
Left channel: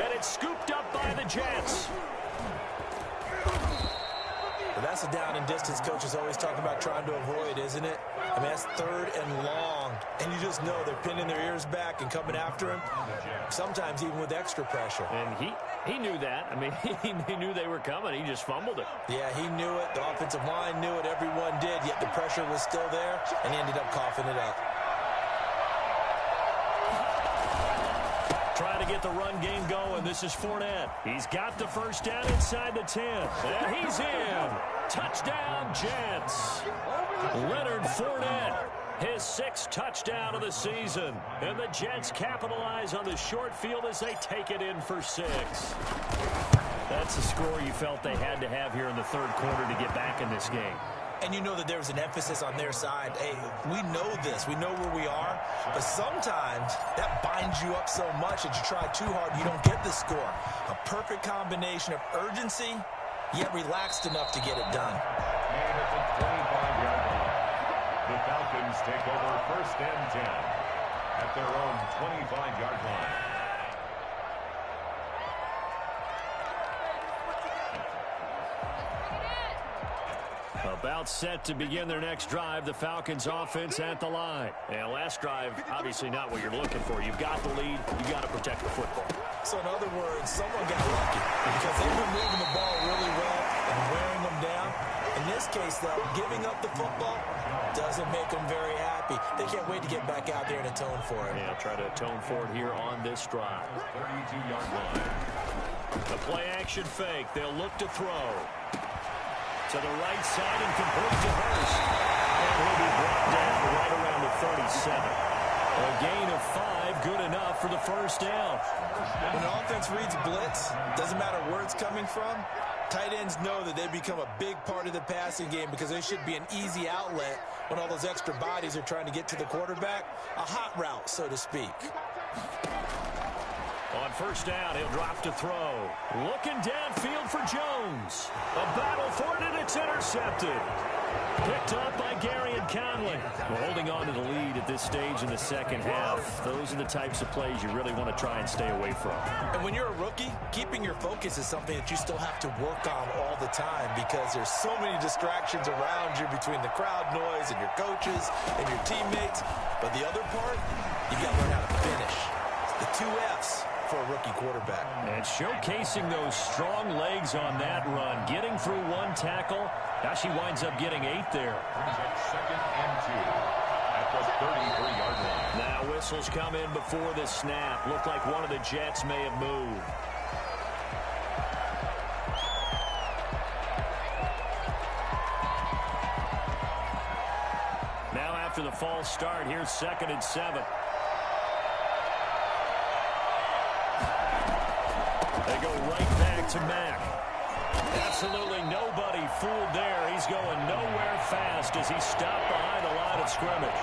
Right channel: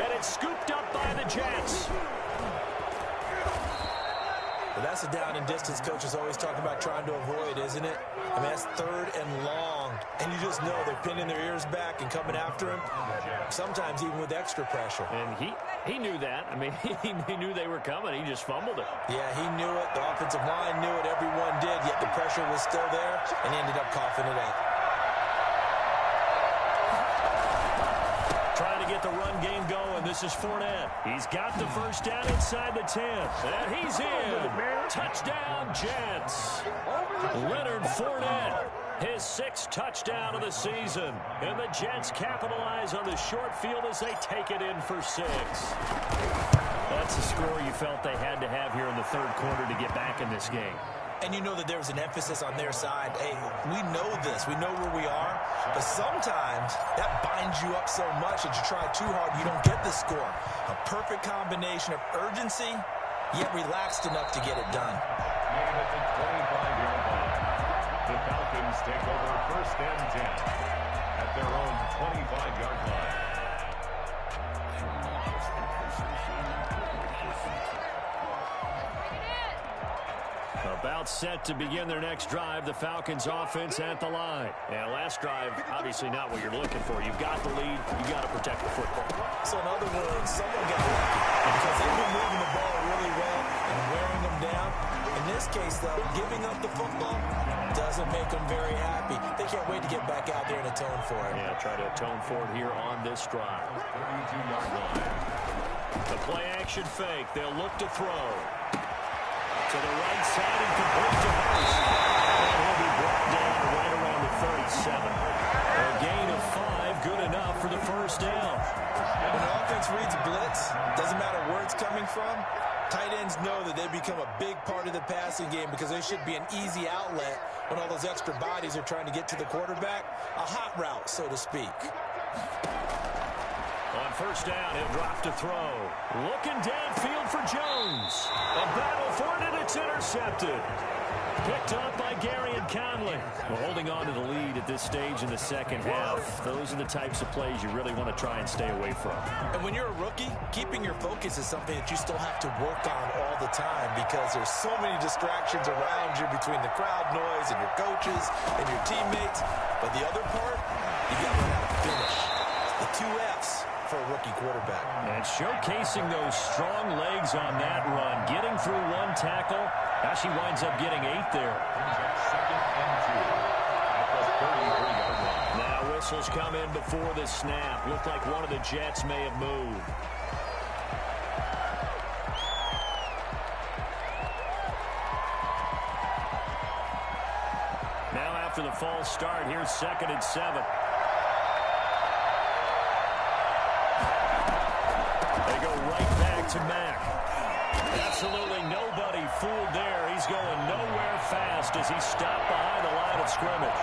And it's scooped up by the Jets. But that's a down and distance coaches always talk about trying to avoid, isn't it? I mean, that's 3rd and long. And you just know they're pinning their ears back and coming after him, sometimes even with extra pressure. And he knew that. I mean, he knew they were coming. He just fumbled it. Yeah, he knew it. The offensive line knew it. Everyone did, yet the pressure was still there, and he ended up coughing it up. Trying to get the run game going. This is Fournette. He's got the 1st down inside the 10. And he's in. Touchdown, Jets. Leonard Fournette, his 6th touchdown of the season. And the Jets capitalize on the short field as they take it in for 6. That's the score you felt they had to have here in the 3rd quarter to get back in this game. And you know that there's an emphasis on their side. Hey, we know this. We know where we are. But sometimes that binds you up so much that you try too hard, you don't get the score. A perfect combination of urgency, yet relaxed enough to get it done. And at the 25-yard line, the Falcons take over 1st and 10 at their own 25-yard line. About set to begin their next drive, the Falcons offense at the line. And last drive, obviously not what you're looking for. You've got the lead. You've got to protect the football. So in other words, someone got lucky because they've been moving the ball really well and wearing them down. In this case, though, giving up the football doesn't make them very happy. They can't wait to get back out there and atone for it. Yeah, try to atone for it here on this drive. 32-yard line. The play action fake. They'll look to throw. To the right side and complete to Hurst. And he'll be brought down right around the 37. A gain of 5, good enough for the first down. When an offense reads blitz, doesn't matter where it's coming from, tight ends know that they become a big part of the passing game because they should be an easy outlet when all those extra bodies are trying to get to the quarterback. A hot route, so to speak. On first down, he'll drop to throw. Looking downfield for Jones. A battle for it, and it's intercepted. Picked up by Gary and Conley. Well, holding on to the lead at this stage in the second half, those are the types of plays you really want to try and stay away from. And when you're a rookie, keeping your focus is something that you still have to work on all the time because there's so many distractions around you between the crowd noise and your coaches and your teammates. But the other part, you got to learn how to finish. The 2 F's for a rookie quarterback. And showcasing those strong legs on that run, getting through 1 tackle. Now she winds up getting 8 there. 2nd and 2 at the 33-yard line. Now whistles come in before the snap. Looked like one of the Jets may have moved. Now after the false start, here's 2nd and 7. They go right back to Mack. Absolutely nobody fooled there. He's going nowhere fast as he stopped behind the line of scrimmage.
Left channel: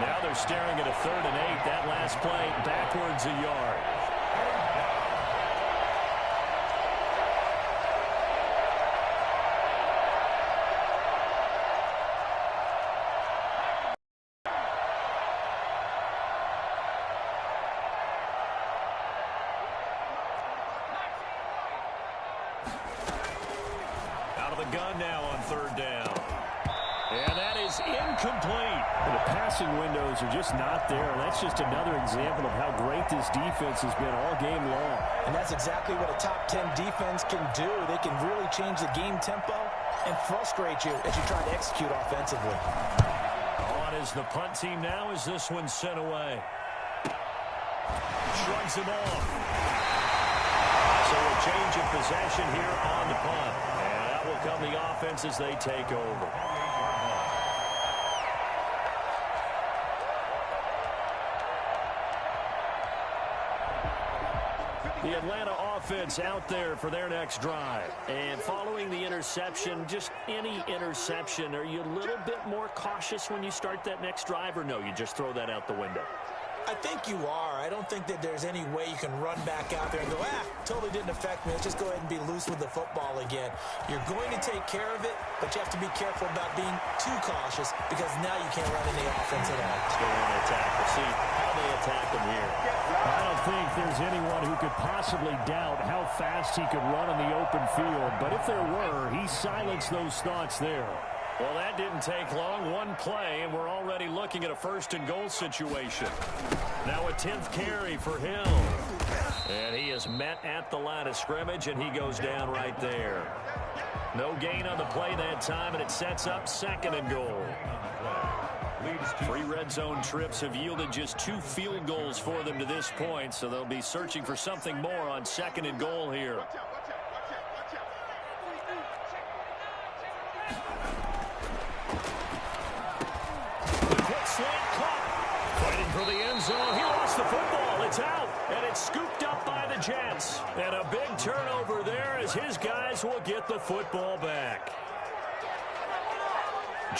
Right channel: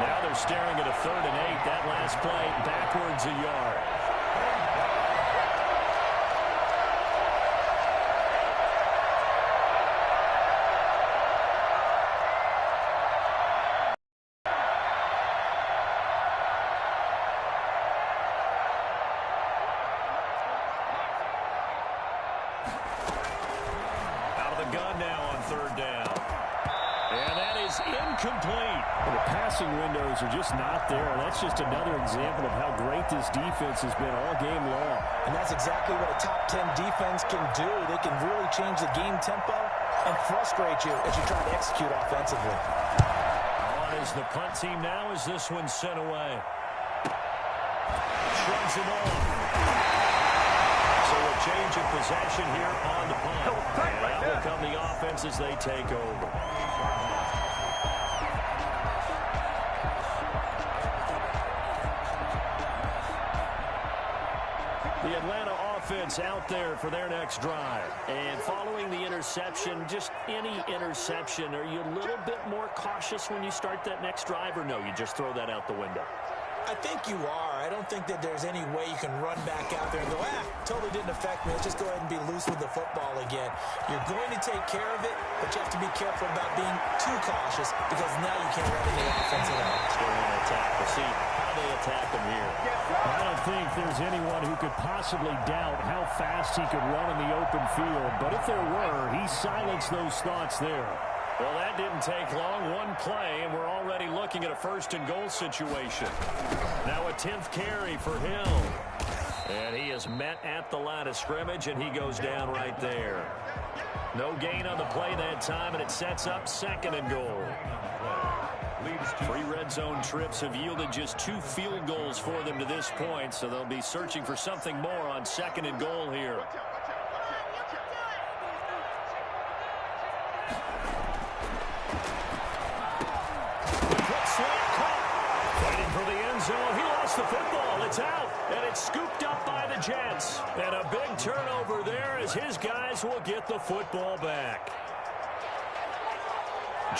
Now they're staring at a 3rd and 8. That last play backwards a yard. Gun now on 3rd down. And that is incomplete. And the passing windows are just not there. That's just another example of how great this defense has been all game long. And that's exactly what a top 10 defense can do. They can really change the game tempo and frustrate you as you try to execute offensively. On is the punt team now as this one's sent away. Shrugs him off. So a change of possession here on the punt. And that will come the offense as they take over. The Atlanta offense out there for their next drive. And following the interception, just any interception, are you a little bit more cautious when you start that next drive, or no, you just throw that out the window? I think you are. I don't think that there's any way you can run back out there and go, totally didn't affect me. Let's just go ahead and be loose with the football again. You're going to take care of it, but you have to be careful about being too cautious because now you can't run any offense at all. Still want to attack. We'll see how they attack him here. I don't think there's anyone who could possibly doubt how fast he could run in the open field, but if there were, he silenced those thoughts there. Well, that didn't take long. 1 play, and we're already looking at a 1st and goal situation. Now a 10th carry for Hill. And he is met at the line of scrimmage, and he goes down right there. No gain on the play that time, and it sets up 2nd and goal. 3 red zone trips have yielded just 2 field goals for them to this point, so they'll be searching for something more on 2nd and goal here. Slant caught. Fighting for the end zone. He lost the football. It's out. And it's scooped up by the Jets. And a big turnover there as his guys will get the football back.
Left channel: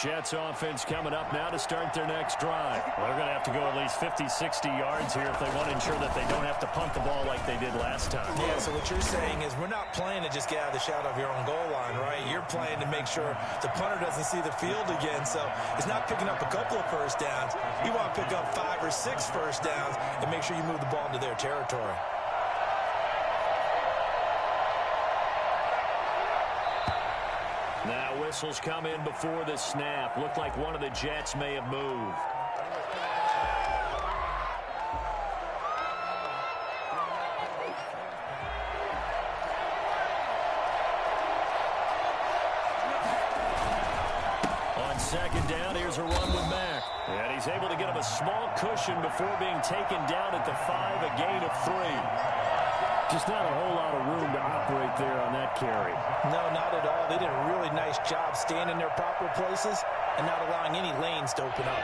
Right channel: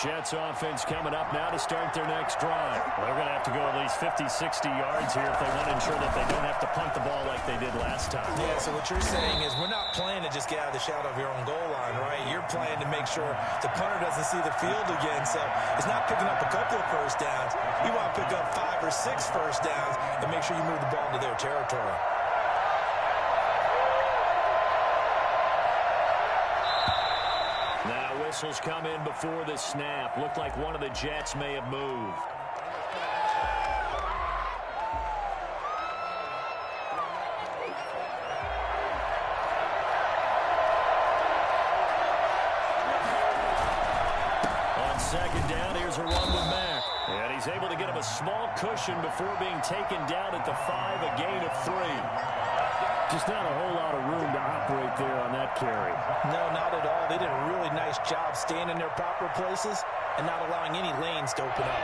Jets offense coming up now to start their next drive. They're going to have to go at least 50, 60 yards here if they want to ensure that they don't have to punt the ball like they did last time. Yeah, so what you're saying is we're not playing to just get out of the shadow of your own goal line, right? You're playing to make sure the punter doesn't see the field again. So it's not picking up a couple of first downs. You want to pick up 5 or 6 first downs and make sure you move the ball into their territory. Now whistles come in before the snap. Looked like one of the Jets may have moved. On second down, here's a run with Mack. And he's able to get him a small cushion before being taken down at the 5, a gain of 3. Just not a whole lot of room to operate there on that carry. No, not at all. They did a really nice job staying in their proper places and not allowing any lanes to open up.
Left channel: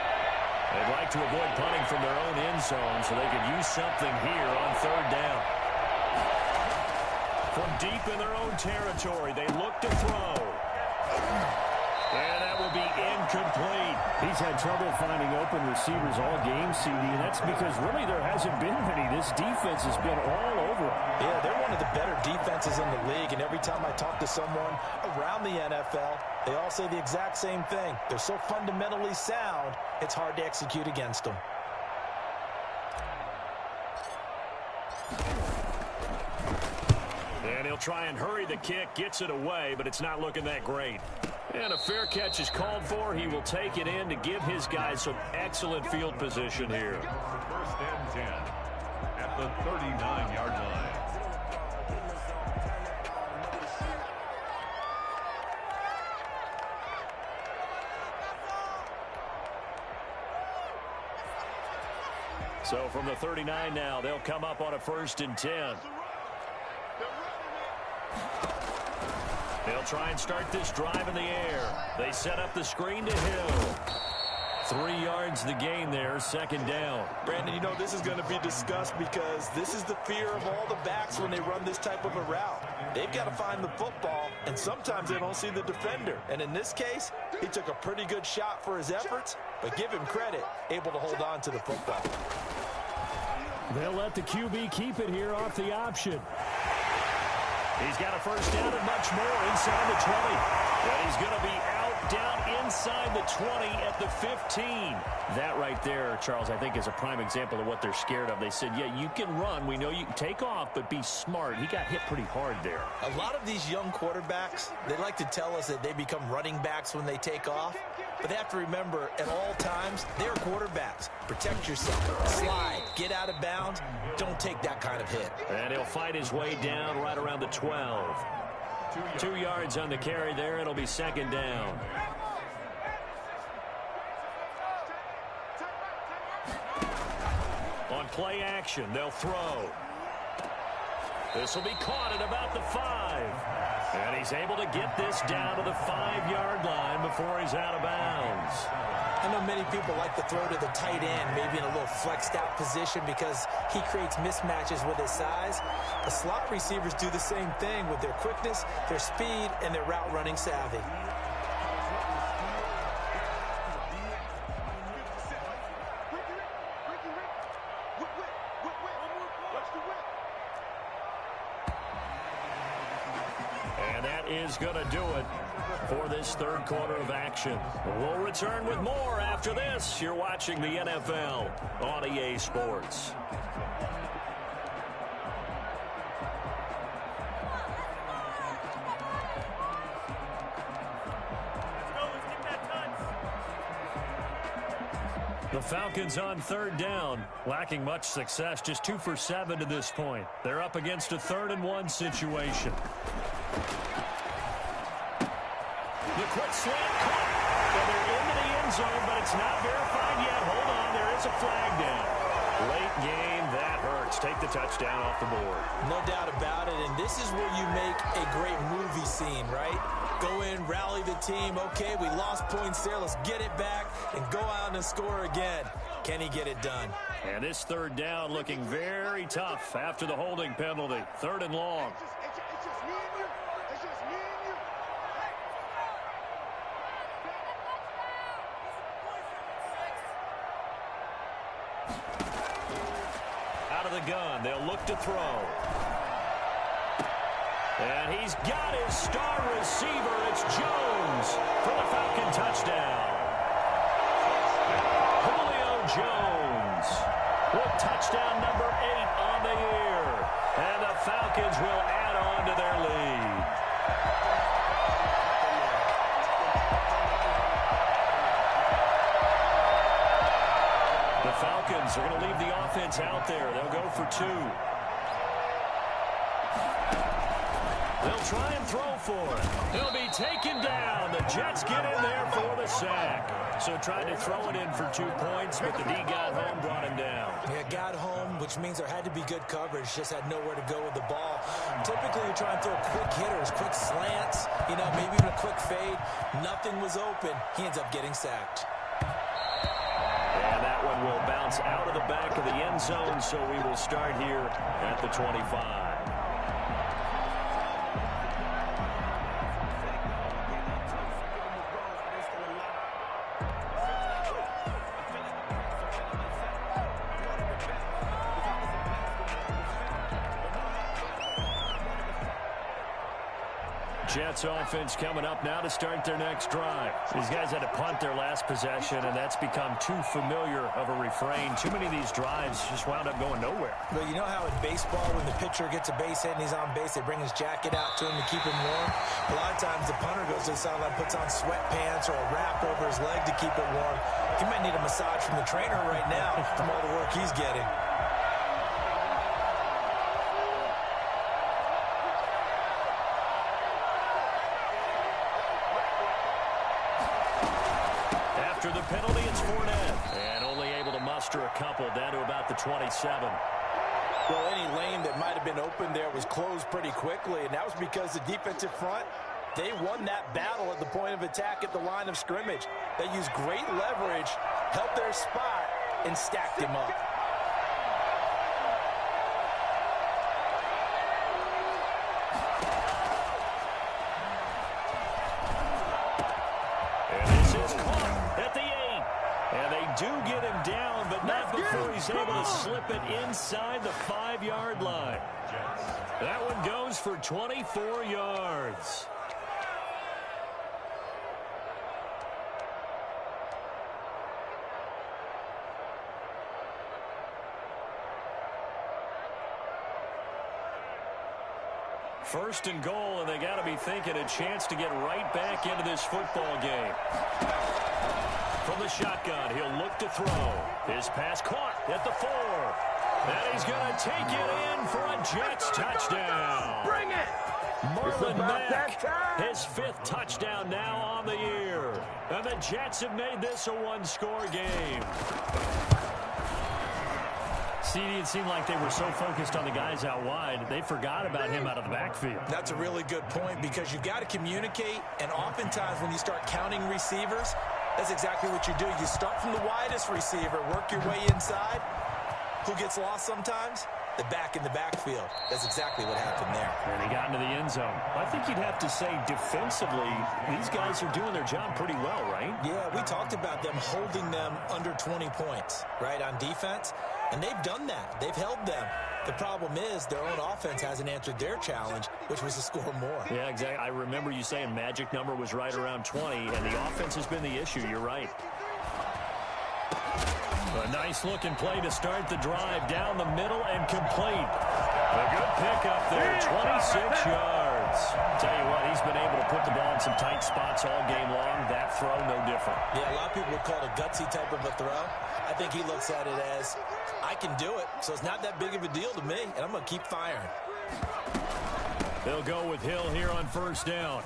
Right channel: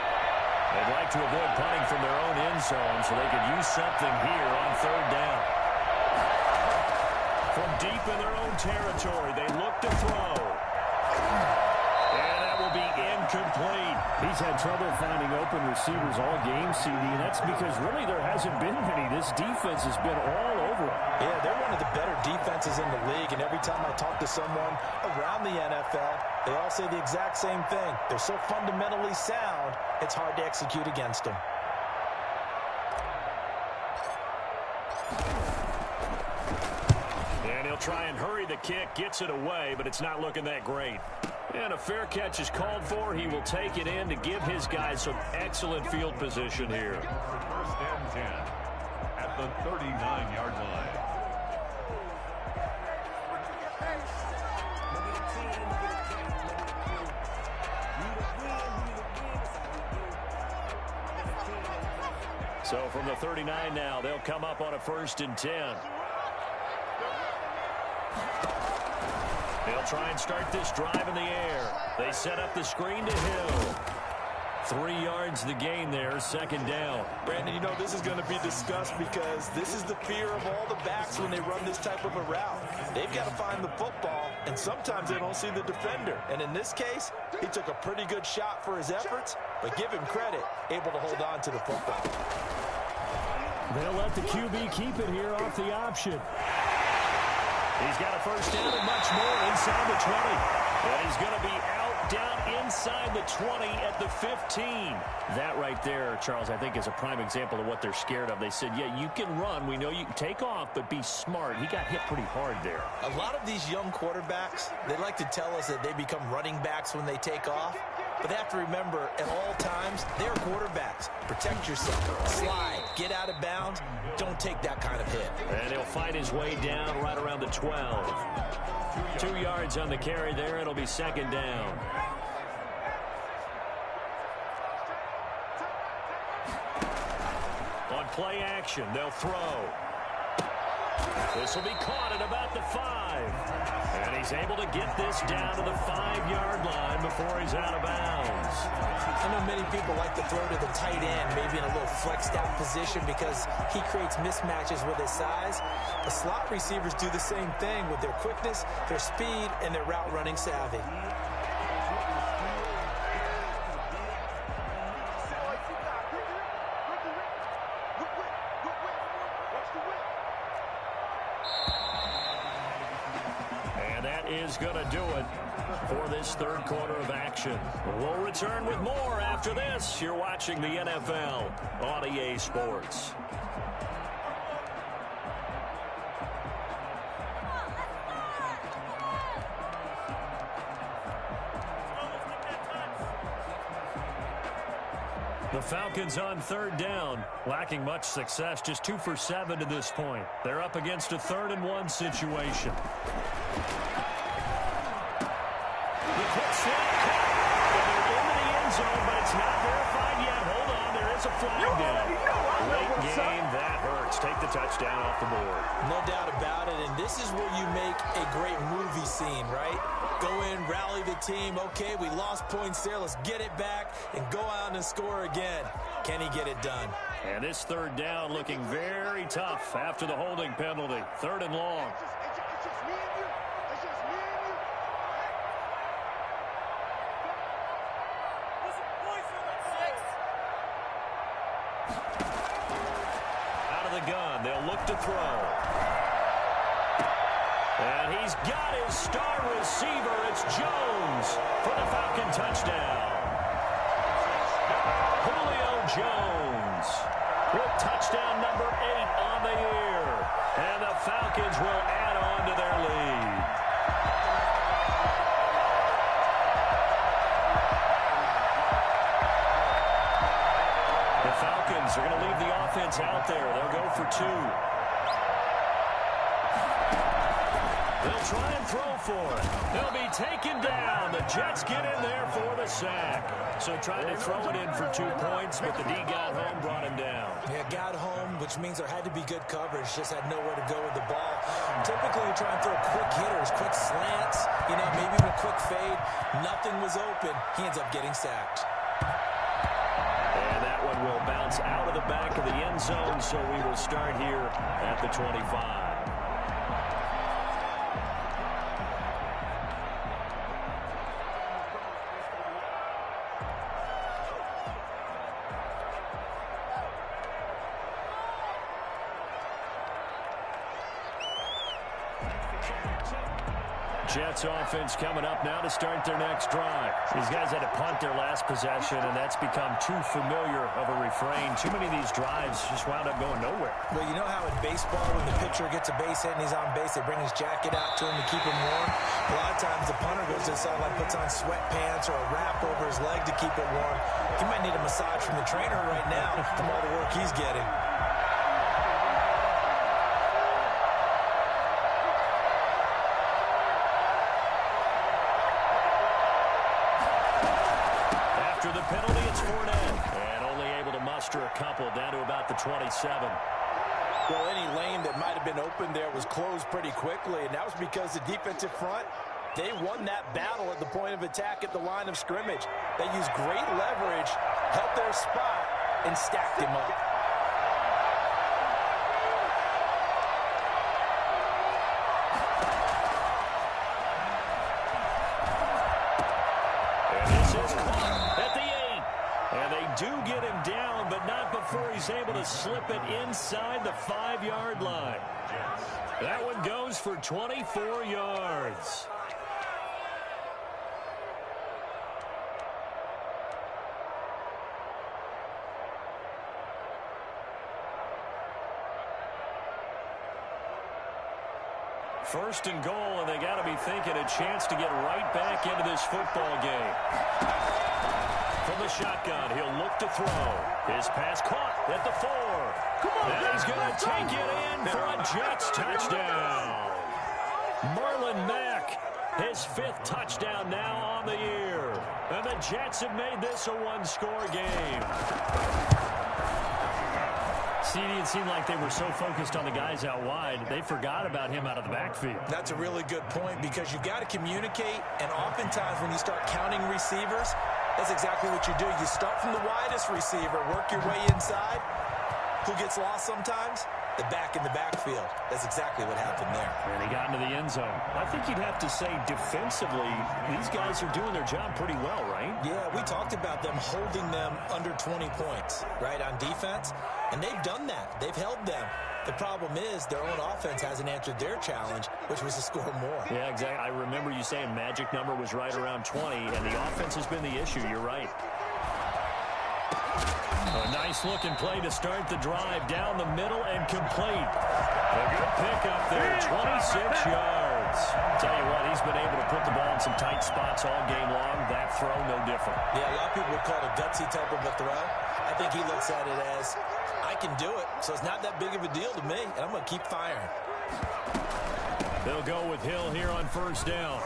They'd like to avoid punting from their own end zone so they could use something here on third down. From deep in their own territory, they look to throw. And that will be incomplete. He's had trouble finding open receivers all game, CD, and that's because really there hasn't been many. This defense has been all over them. Yeah, they're one of the better defenses in the league, and every time I talk to someone around the NFL, they all say the exact same thing. They're so fundamentally sound, it's hard to execute against them. And he'll try and hurry the kick, gets it away, but it's not looking that great. And a fair catch is called for. He will take it in to give his guys some excellent field position here. First and 10 at the 39-yard line. So from the 39 now, they'll come up on a 1st and 10. They'll try and start this drive in the air. They set up the screen to Hill. 3 yards the gain there, 2nd down. Brandon, you know this is going to be discussed because this is the fear of all the backs when they run this type of a route. They've got to find the football, and sometimes they don't see the defender. And in this case, he took a pretty good shot for his efforts, but give him credit, able to hold on to the football. They'll let the QB keep it here off the option. He's got a 1st down and much more inside the 20. And he's going to be out down inside the 20 at the 15. That right there, Charles, I think is a prime example of what they're scared of. They said, yeah, you can run. We know you can take off, but be smart. He got hit pretty hard there. A lot of these young quarterbacks, they like to tell us that they become running backs when they take off. But they have to remember, at all times, they're quarterbacks. Protect yourself. Slide. Get out of bounds. Don't take that kind of hit. And he'll fight his way down right around the 12. 2 yards on the carry there. It'll be 2nd down. On play action, they'll throw. This will be caught at about the 5. And he's able to get this down to the 5-yard line before he's out of bounds. I know many people like to throw to the tight end, maybe in a little flexed out position because he creates mismatches with his size. The slot receivers do the same thing with their quickness, their speed, and their route running savvy. And that is going to do it for this 3rd quarter of action. We'll return with more after this. You're watching the NFL on EA Sports. The Falcons on 3rd down, lacking much success, just 2 for 7 to this point. They're up against a 3rd and 1 situation. The quick slant caught, and they're into the end zone, but it's not verified yet. Hold on, there is a flag down. Late game, that hurts. Take the touchdown off the board. No doubt about it, and this is where you make a great movie scene, right? Go in, rally the team. Okay, we lost points there. Let's get it back and go out and score again. Can he get it done? And this 3rd down looking very tough after the holding penalty. 3rd and long. It's just me and you. It's just me and you. of the gun. They'll look to throw. And he's got his star receiver. It's Jones for the Falcon touchdown. Julio Jones with touchdown number 8 on the year. And the Falcons will add on to their lead. The Falcons are going to leave the offense out there. They'll go for 2. They'll try and throw for it. He'll be taken down. The Jets get in there for the sack. So tried to throw it in for 2 points, but the D got home, brought him down. Yeah, got home, which means there had to be good coverage. Just had nowhere to go with the ball. Typically, you try and throw quick hitters, quick slants, maybe even a quick fade. Nothing was open. He ends up getting sacked. And that one will bounce out of the back of the end zone, so we will start here at the 25. Jets offense coming up now to start their next drive. These guys had to punt their last possession, and that's become too familiar of a refrain. Too many of these drives just wound up going nowhere. Well, you know how in baseball, when the pitcher gets a base hit and he's on base, they bring his jacket out to him to keep him warm? A lot of times the punter goes to the sideline, puts on sweatpants or a wrap over his leg to keep it warm. He might need a massage from the trainer right now from all the work he's getting. After the penalty, it's Fournette. And only able to muster a couple down to about the 27. Well, any lane that might have been open there was closed pretty quickly, and that was because the defensive front, they won that battle at the point of attack at the line of scrimmage. They used great leverage, held their spot, and stacked him up. At the 8. And they do get him down, but not before he's able to slip it inside the 5-yard line. That one goes for 24 yards. First and goal, and they got to be thinking a chance to get right back into this football game. From the shotgun, he'll look to throw. His pass caught at the 4. And he's going to take it in for a Jets touchdown. Marlon Mack, his 5th touchdown now on the year. And the Jets have made this a 1-score game. CD, it seemed like they were so focused on the guys out wide, they forgot about him out of the backfield. That's a really good point, because you've got to communicate, and oftentimes when you start counting receivers, that's exactly what you do. You start from the widest receiver, work your way inside. Who gets lost sometimes? The back in the backfield. That's exactly what happened there. And he got into the end zone. I think you'd have to say defensively, these guys are doing their job pretty well, right? Yeah, we talked about them holding them under 20 points, right, on defense. And they've done that. They've held them. The problem is their own offense hasn't answered their challenge, which was to score more. Yeah, exactly. I remember you saying magic number was right around 20, and the offense has been the issue. You're right. A nice-looking play to start the drive down the middle and complete. A good pickup there, 26 yards. Tell you what, he's been able to put the ball in some tight spots all game long. That throw, no different. Yeah, a lot of people would call it a gutsy type of a throw. I think he looks at it as, I can do it, so it's not that big of a deal to me, and I'm going to keep firing. They'll go with Hill here on first down.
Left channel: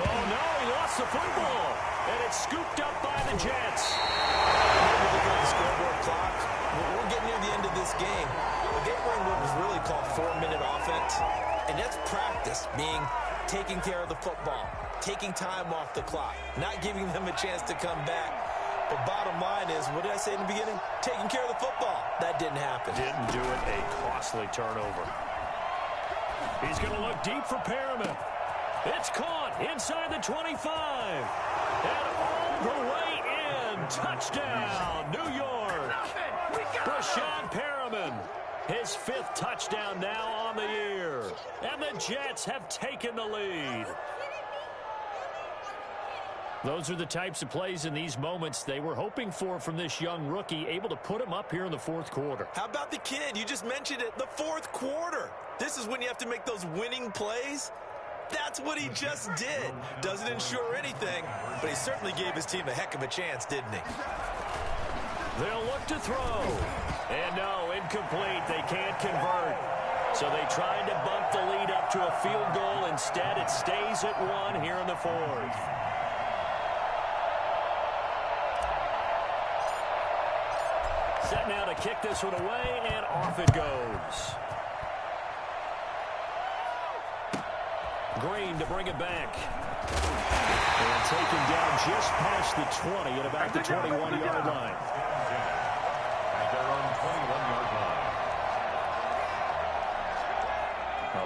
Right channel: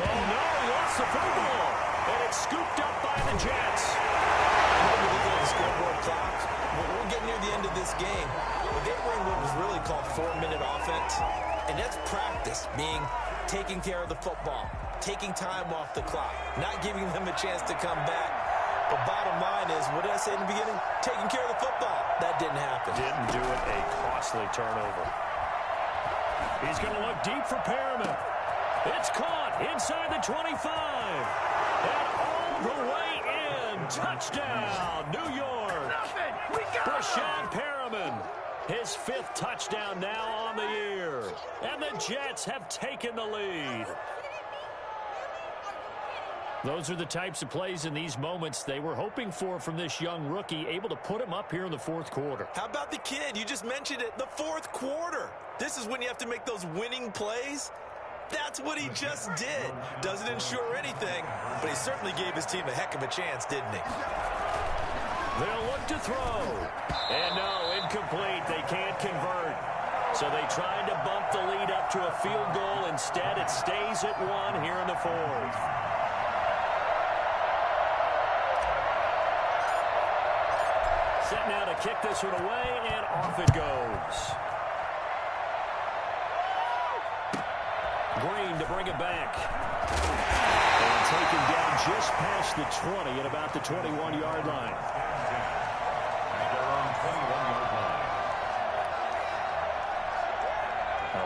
Oh, no, he lost the football, and it's scooped up by the Jets. When we look at the scoreboard clock, we're getting near the end of this game. But they were in what was really called 4-minute offense, and that's practice, meaning taking care of the football, taking time off the clock, not giving them a chance to come back. But bottom line is, what did I say in the beginning? Taking care of the football. That didn't happen. Didn't do it. A costly turnover. He's going to look deep for Perriman. It's caught inside the 25. And all the way in. Touchdown, New York. Brashad Perriman Merriman. His 5th touchdown now on the year. And the Jets have taken the lead. Those are the types of plays in these moments they were hoping for from this young rookie, able to put him up here in the 4th quarter. How about the kid? You just mentioned it, the 4th quarter. This is when you have to make those winning plays. That's what he just did. Doesn't ensure anything, but he certainly gave his team a heck of a chance, didn't he? They'll look to throw. And no, incomplete. They can't convert. So they tried to bump the lead up to a field goal. Instead, it stays at 1 here in the 4th. Set now to kick this one away, and off it goes. Green to bring it back. And taken down just past the 20 at about the 21-yard line. At their own 21-yard line.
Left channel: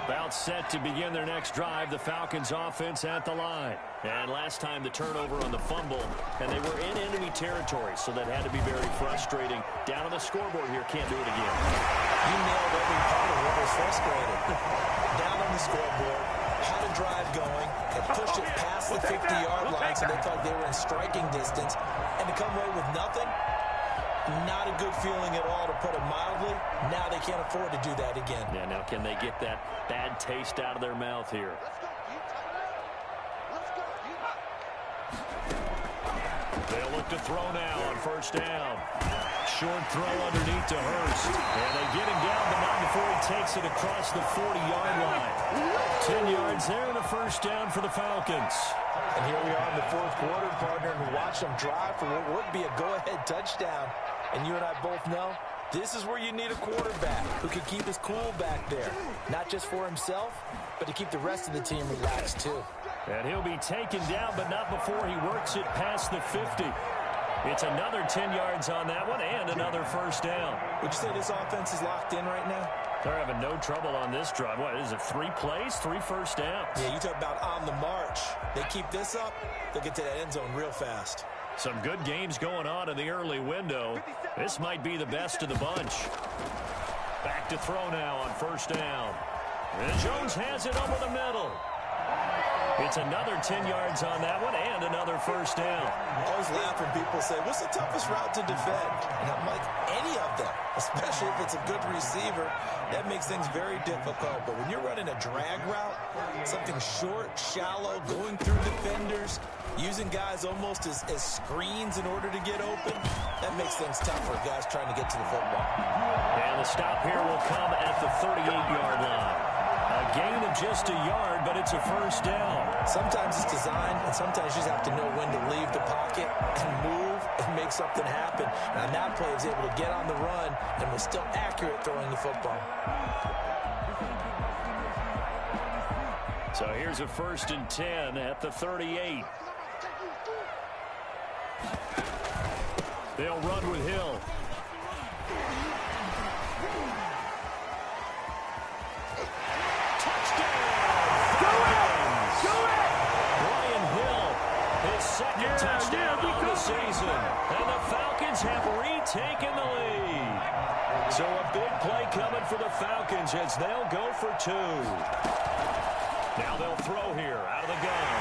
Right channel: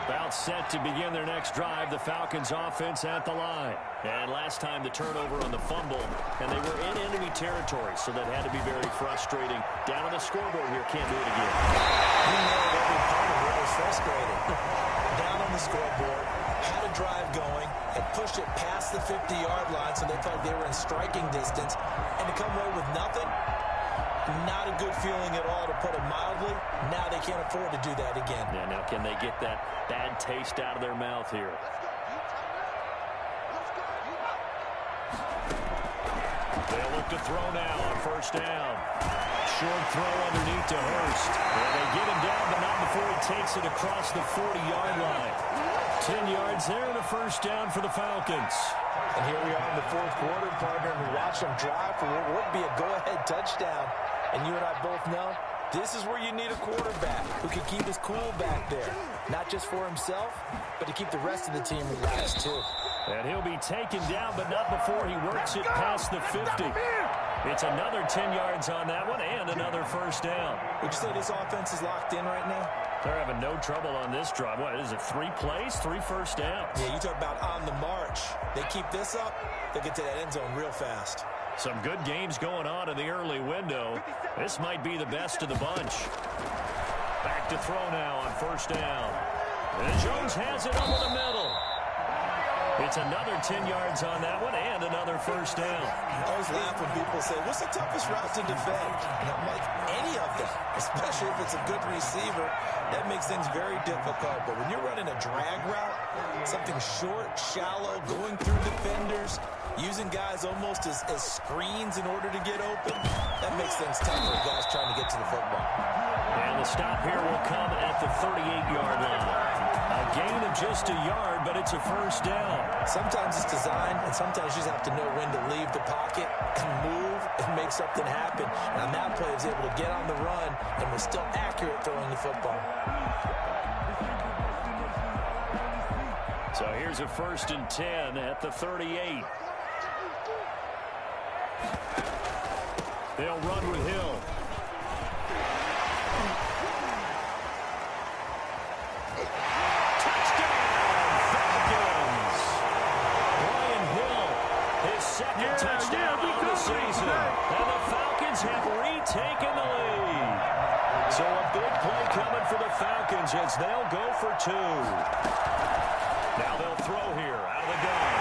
About set to begin their next drive. The Falcons offense at the line. And last time the turnover on the fumble, and they were in enemy territory, so that had to be very frustrating. Down on the scoreboard here, can't do it again. You nailed every part of what was frustrating. Down on the scoreboard, had a drive going, and pushed it past the 50-yard line, so they felt they were in striking distance, and to come away with nothing, not a good feeling at all, to put it mildly. Now they can't afford to do that again. Yeah, now can they get that bad taste out of their mouth here? They'll look to throw now on 1st down. Short throw underneath to Hurst. And they get him down, but not before he takes it across the 40-yard line. 10 yards there and a 1st down for the Falcons. And here we are in the 4th quarter, partner, and watch them drive for what would be a go-ahead touchdown. And you and I both know this is where you need a quarterback who can keep his cool back there. Not just for himself, but to keep the rest of the team relaxed too. And he'll be taken down, but not before he works it past the 50. It's another 10 yards on that one and another 1st down. Would you say this offense is locked in right now? They're having no trouble on this drive. What is it, 3 plays, 3 1st downs? Yeah, you talk about on the march. They keep this up, they'll get to that end zone real fast. Some good games going on in the early window. This might be the best of the bunch. Back to throw now on 1st down. And Jones has it over the middle. It's another 10 yards on that one and another 1st down. I always laugh when people say, what's the toughest route to defend? And I'm like, any of them, especially if it's a good receiver. That makes things very difficult. But when you're running a drag route, something short, shallow, going through defenders, using guys almost as screens in order to get open, that makes things tough for guys trying to get to the football. And the stop here will come at the 38-yard line. A gain of just a yard, but it's a 1st down. Sometimes it's designed, and sometimes you just have to know when to leave the pocket and move and make something happen. And on that play, he was able to get on the run and was still accurate throwing the football. So here's a 1st and 10 at the 38. They'll run with Hill. Second touchdown of the season. And the Falcons have retaken the lead. So a big play coming for the Falcons as they'll go for 2. Now they'll throw here out of the gun.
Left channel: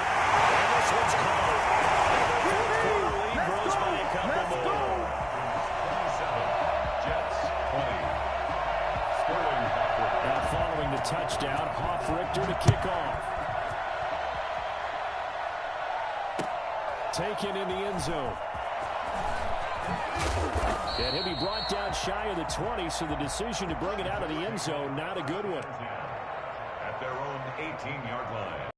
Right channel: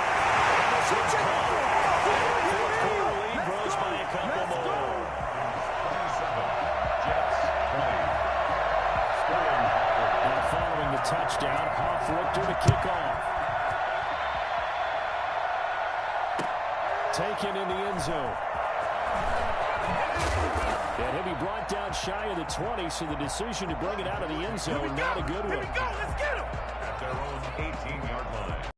And this one's caught. The 4th quarter lead grows by a couple more. 27, Jets, 20. Sterling Hoffrichter. Now following the touchdown, Hoffrichter to kick off. Taken in the end zone. And he'll be brought down shy of the 20, so the decision to bring it out of the end zone, not a good one. At their own 18-yard line.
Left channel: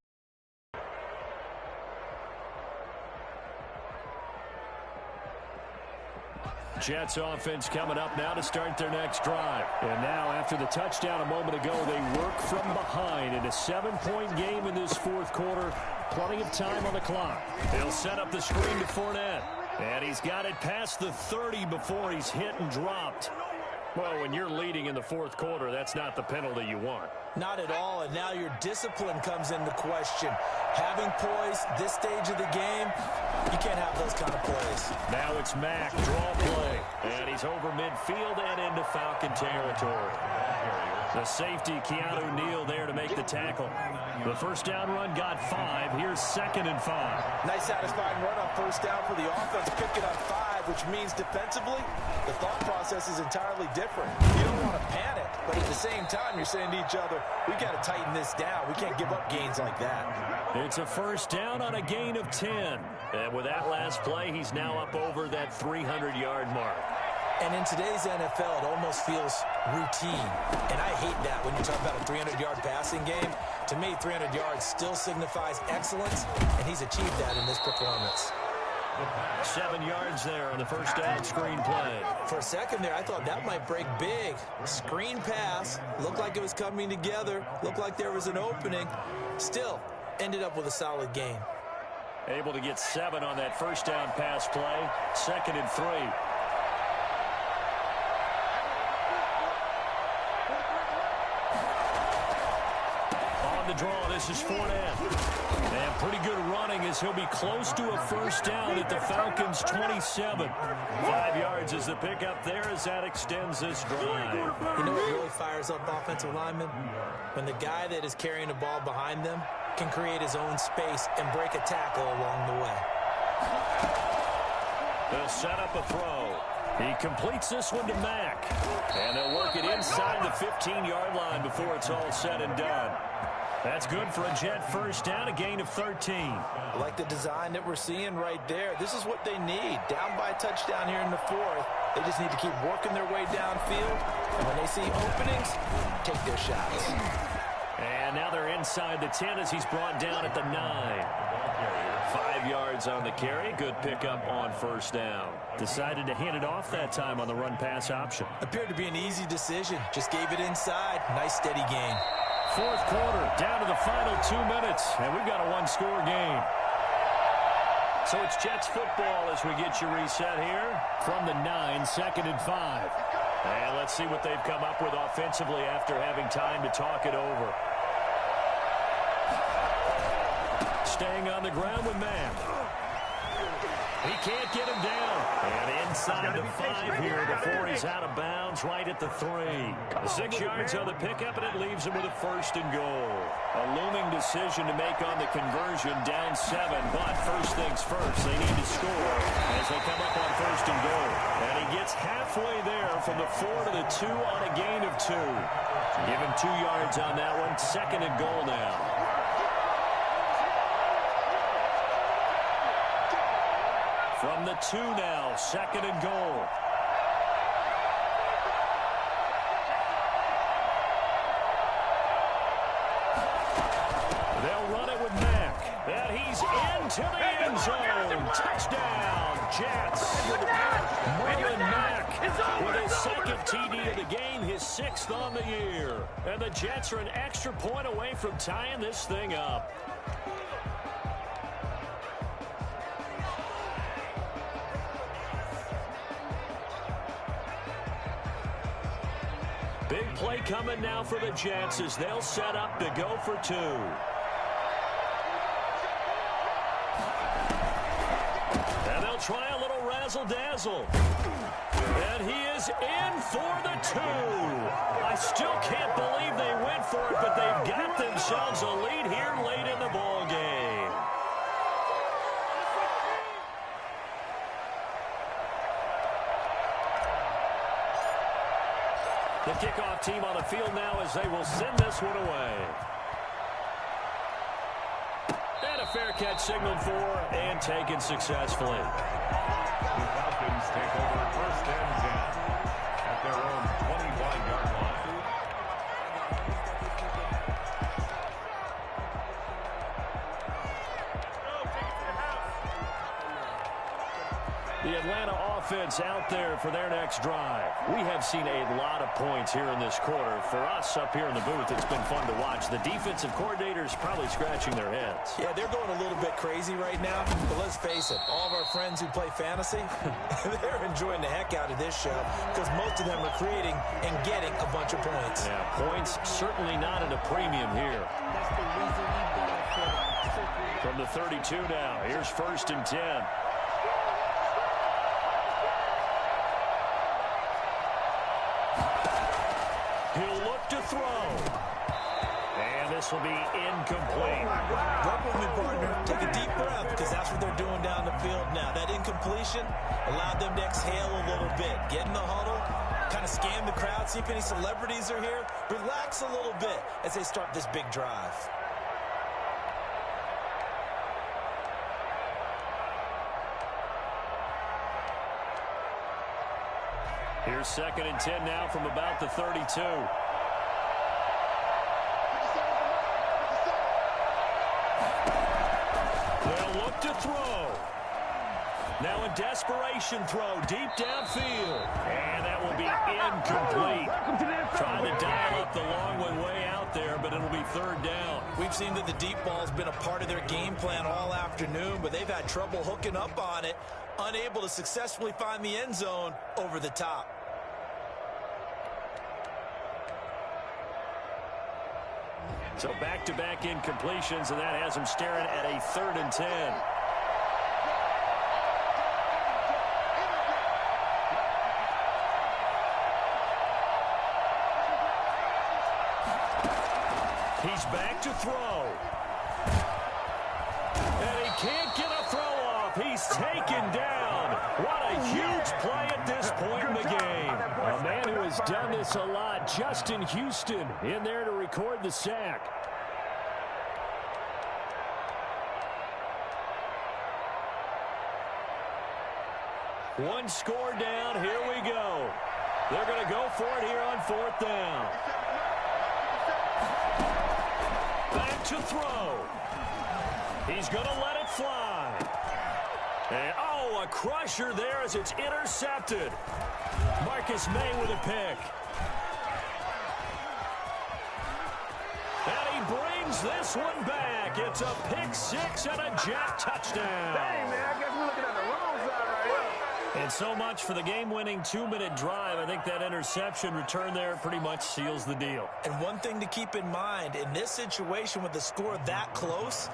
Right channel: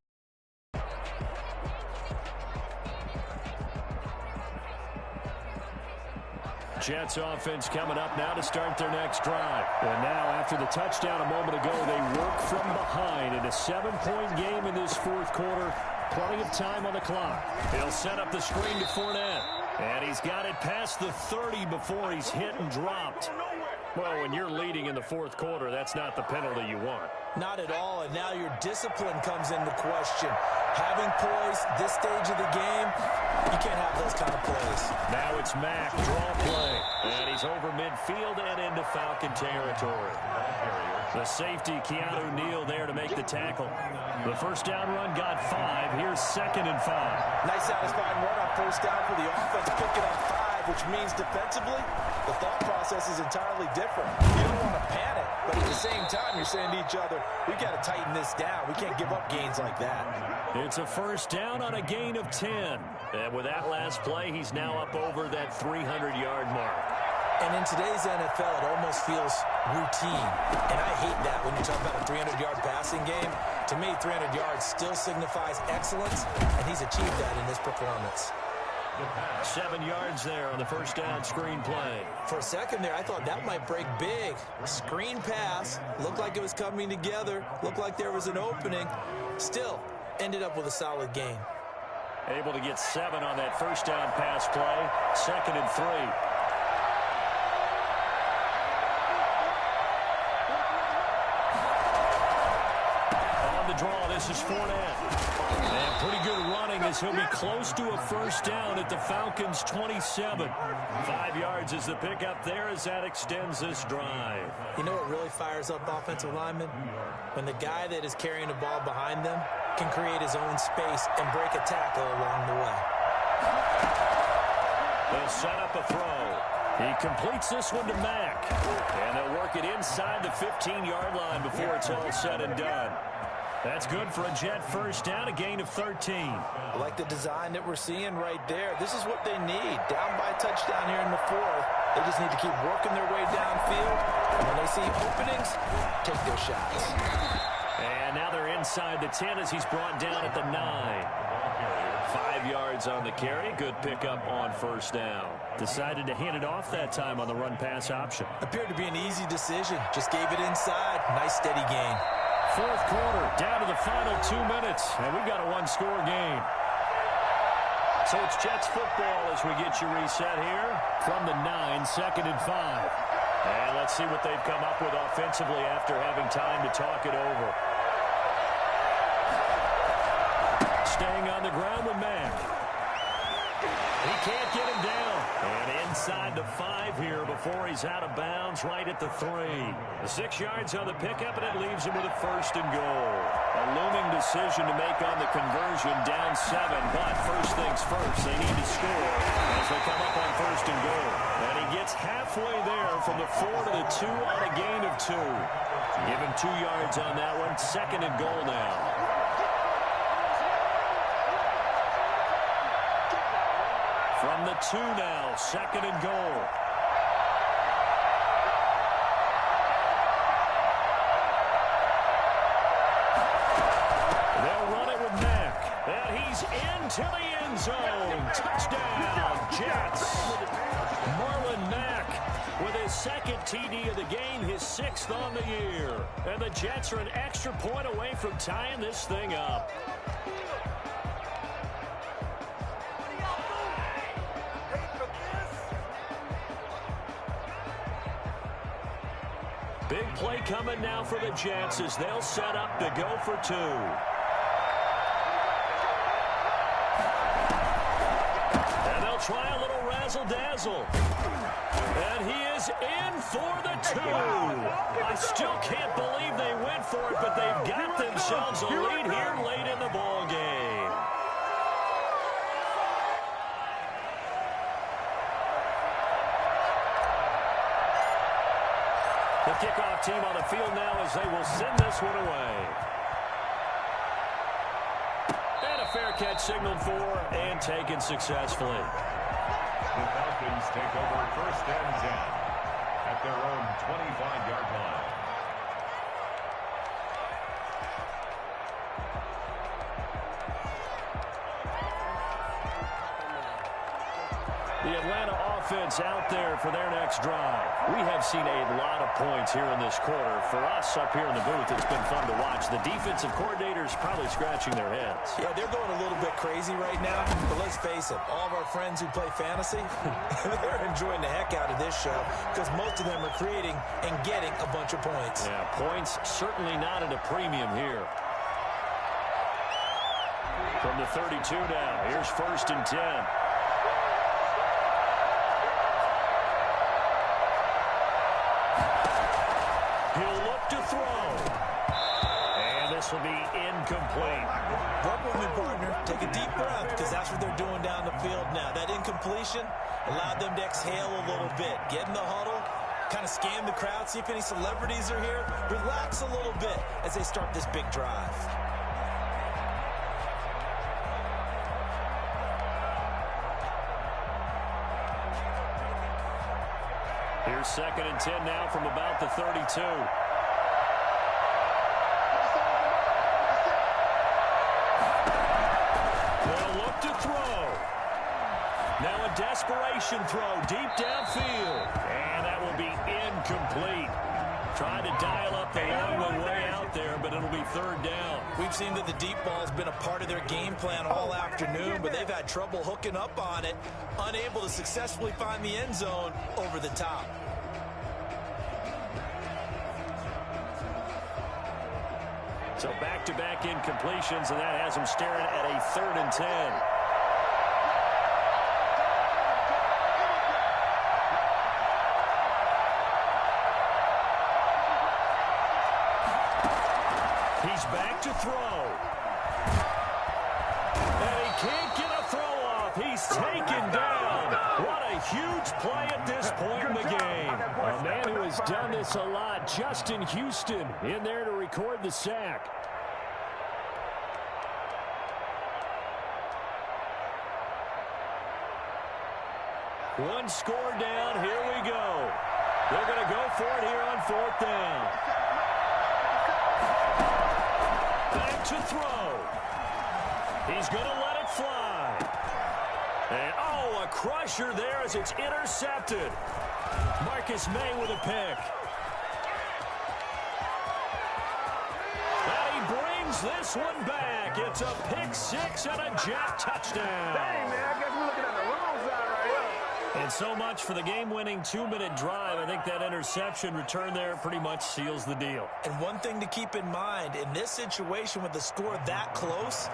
Jets offense coming up now to start their next drive. And now, after the touchdown a moment ago, they work from behind in a 7-point game in this 4th quarter. Plenty of time on the clock. He'll set up the screen to Fournette. And he's got it past the 30 before he's hit and dropped. Well, when you're leading in the 4th quarter, that's not the penalty you want. Not at all, and now your discipline comes into question. Having poise this stage of the game, you can't have those kind of plays. Now it's Mack, draw play. And he's is over midfield and into Falcon territory. The safety, Keanu Neal, there to make the tackle. The first down run got 5. Here's 2nd and 5. Nice satisfying run on first down for the offense. Pick it up 5, which means defensively, the thought process is entirely different. You don't want to panic, but at the same time, you're saying to each other, we've got to tighten this down. We can't give up gains like that. It's a first down on a gain of 10. And with that last play, he's now up over that 300-yard mark. And in today's NFL, it almost feels routine. And I hate that when you talk about a 300-yard passing game. To me, 300 yards still signifies excellence, and he's achieved that in this performance. 7 yards there on the first down screen play. For a second there, I thought that might break big. Screen pass. Looked like it was coming together. Looked like there was an opening. Still, ended up with a solid gain. Able to get 7 on that first down pass play. 2nd and 3. On the draw, this is Fournette. And pretty good running as he'll be close to a first down at the Falcons' 27. 5 yards is the pickup there as that extends this drive. You know what really fires up offensive linemen? When the guy that is carrying the ball behind them can create his own space and break a tackle along the way. They'll set up a throw. He completes this one to Mack. And they'll work it inside the 15-yard line before it's all said and done. That's good for a Jet first down, a gain of 13. I like the design that we're seeing right there. This is what they need. Down by a touchdown here in the 4th. They just need to keep working their way downfield. And when they see openings, take their shots. And now they're inside the 10 as he's brought down at the 9. 5 yards on the carry. Good pickup on first down. Decided to hand it off that time on the run-pass option. Appeared to be an easy decision. Just gave it inside. Nice steady gain. 4th quarter, down to the final 2 minutes, and we've got a one-score game. So it's Jets football as we get you reset here from the 9, 2nd and 5. And let's see what they've come up with offensively after having time to talk it over. Staying on the ground with Mack. He can't get him down. And inside the 5 here before he's out of bounds right at the 3. The 6 yards on the pickup, and it leaves him with a 1st and goal. A looming decision to make on the conversion, down 7. But first things first, they need to score as they come up on 1st and goal. And he gets halfway there from the 4 to the 2 on a gain of 2. Give him 2 yards on that one. 2nd and goal now. From the 2 now, 2nd and goal. They'll run it with Mack. And he's into the end zone. Touchdown, Jets. Marlon Mack with his 2nd TD of the game, his 6th on the year. And the Jets are an extra point away from tying this thing up. Big play coming now for the Jets as they'll set up to go for 2. And they'll try a little razzle-dazzle. And he is in for the 2. I still can't believe they went for it, but they've got themselves a lead here late in the ball game. The kickoff team on the field now as they will send this one away. And a fair catch signaled for and taken successfully. The Falcons take over 1st and 10 at their own 25-yard line. The Atlanta offense out there for their next drive. We have seen a lot of points here in this quarter. For us up here in the booth, it's been fun to watch. The defensive coordinators probably scratching their heads. Yeah, they're going a little bit crazy right now. But let's face it, all of our friends who play fantasy, they're enjoying the heck out of this show because most of them are creating and getting a bunch of points. Yeah, points certainly not at a premium here. From the 32 now, here's 1st and 10. He'll look to throw. And this will be incomplete. Work with me, partner. Take a deep breath, because that's what they're doing down the field now. That incompletion allowed them to exhale a little bit. Get in the huddle, kind of scan the crowd, see if any celebrities are here. Relax a little bit as they start this big drive. Here's 2nd and 10 now from about the 32. They'll look to throw. Now a desperation throw deep downfield. And that will be incomplete. Trying to dial up the long one way out there, but it'll be 3rd down. We've seen that the deep ball's been a part of their game plan all afternoon, but they've had trouble hooking up on it, unable to successfully find the end zone over the top. So back-to-back incompletions, and that has them staring at a 3rd and 10. He's back to throw. And he can't get a throw off. He's taken down. What a huge play at this point in the game. A man who has done this a lot, Justin Houston, in there to record the sack. One score down. Here we go. They're going to go for it here on 4th down. Back to throw. He's going to let it fly. And, oh, a crusher there as it's intercepted. Marcus May with a pick. And he brings this one back. It's a pick 6 and a Jet touchdown. Dang, man, I guess we're looking at the wrong side right here. And so much for the game-winning 2-minute drive. I think that interception return there pretty much seals the deal. And one thing to keep in mind, in this situation with the score that close,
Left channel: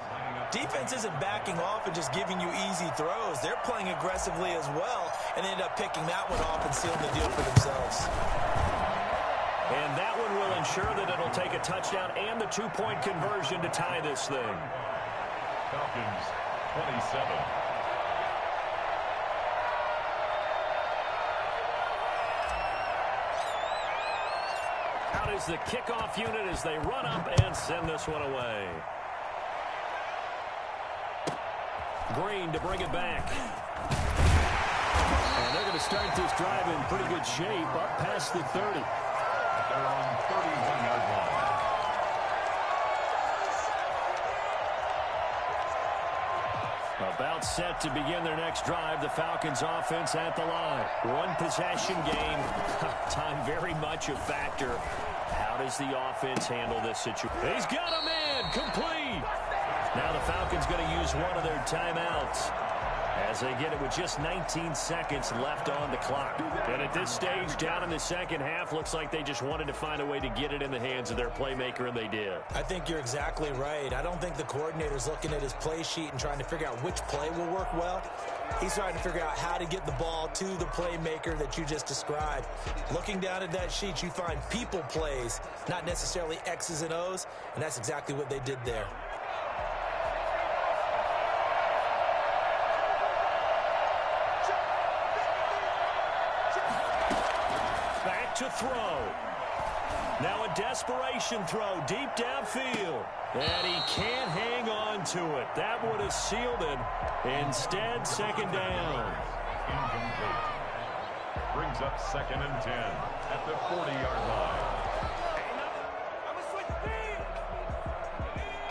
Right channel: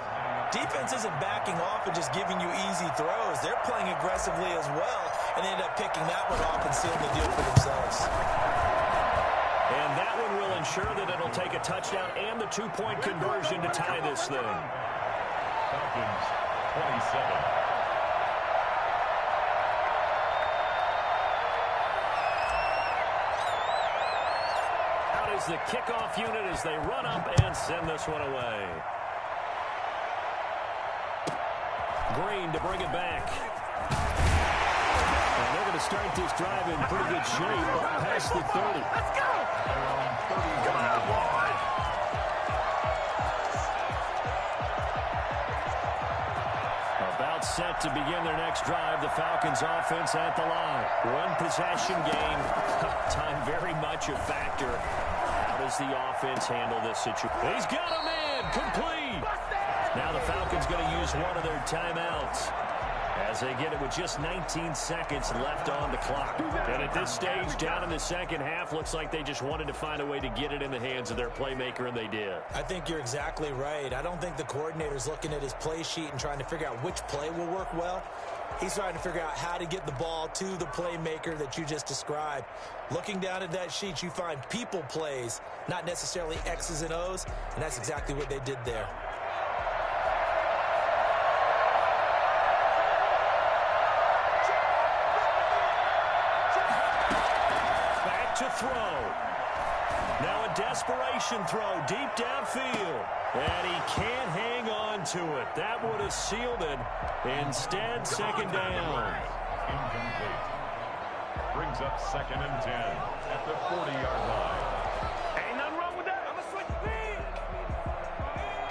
defense isn't backing off and just giving you easy throws. They're playing aggressively as well, and they end up picking that one off and sealing the deal for themselves. And that one will ensure that it'll take a touchdown and the 2-point conversion to tie this thing. Falcons 27. Out is the kickoff unit as they run up and send this one away. Green to bring it back. And they're going to start this drive in pretty good shape up past the 30. They're on 31-yard line. About set to begin their next drive. The Falcons offense at the line. One possession game. Time very much a factor. How does the offense handle this situation? He's got a man. Complete. Now the Falcons going to use one of their timeouts as they get it with just 19 seconds left on the clock. And at this stage, down in the second half, looks like they just wanted to find a way to get it in the hands of their playmaker, and they did. I think you're exactly right. I don't think the coordinator's looking at his play sheet and trying to figure out which play will work well. He's trying to figure out how to get the ball to the playmaker that you just described. Looking down at that sheet, you find people plays, not necessarily X's and O's, and that's exactly what they did there. Back to throw. Now a desperation throw deep downfield. And he can't hang on to it. That would have sealed it. Instead, 2nd down. Incomplete. Brings up 2nd and 10 at the 40-yard line. Ain't nothing wrong with that. I'm going to switch speed.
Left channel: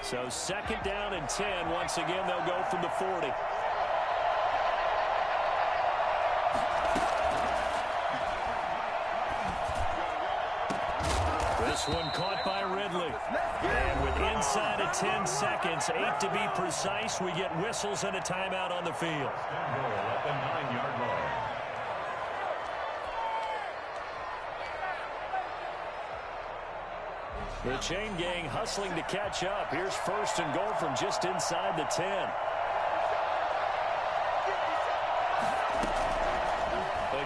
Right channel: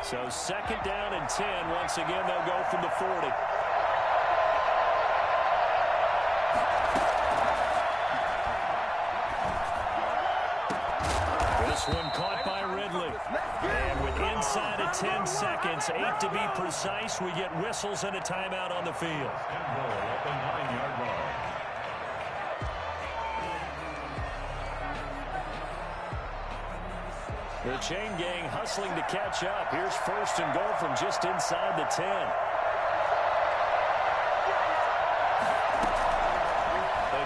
So 2nd down and 10. Once again, they'll go from the 40. This one caught by Ridley. And with inside of 10 seconds, 8 to be precise, we get whistles and a timeout on the field. And goal at the 9-yard line. The chain gang hustling to catch up. Here's 1st and goal from just inside the 10.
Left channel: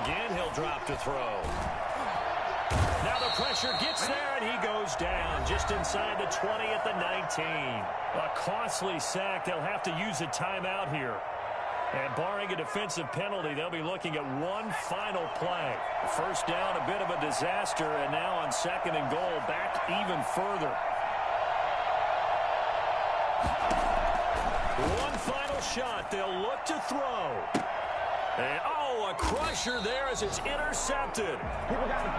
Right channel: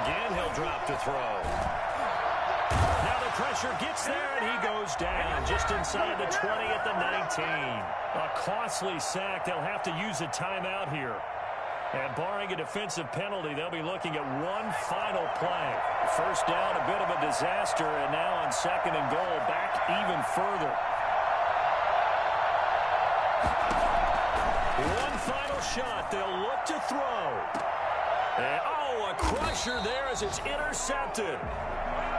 Again, he'll drop to throw. Now the pressure gets there, and he goes down just inside the 20 at the 19. A costly sack. They'll have to use a timeout here. And barring a defensive penalty, they'll be looking at one final play. First down, a bit of a disaster, and now on 2nd and goal, back even further. One final shot. They'll look to throw. And, a crusher there as it's intercepted.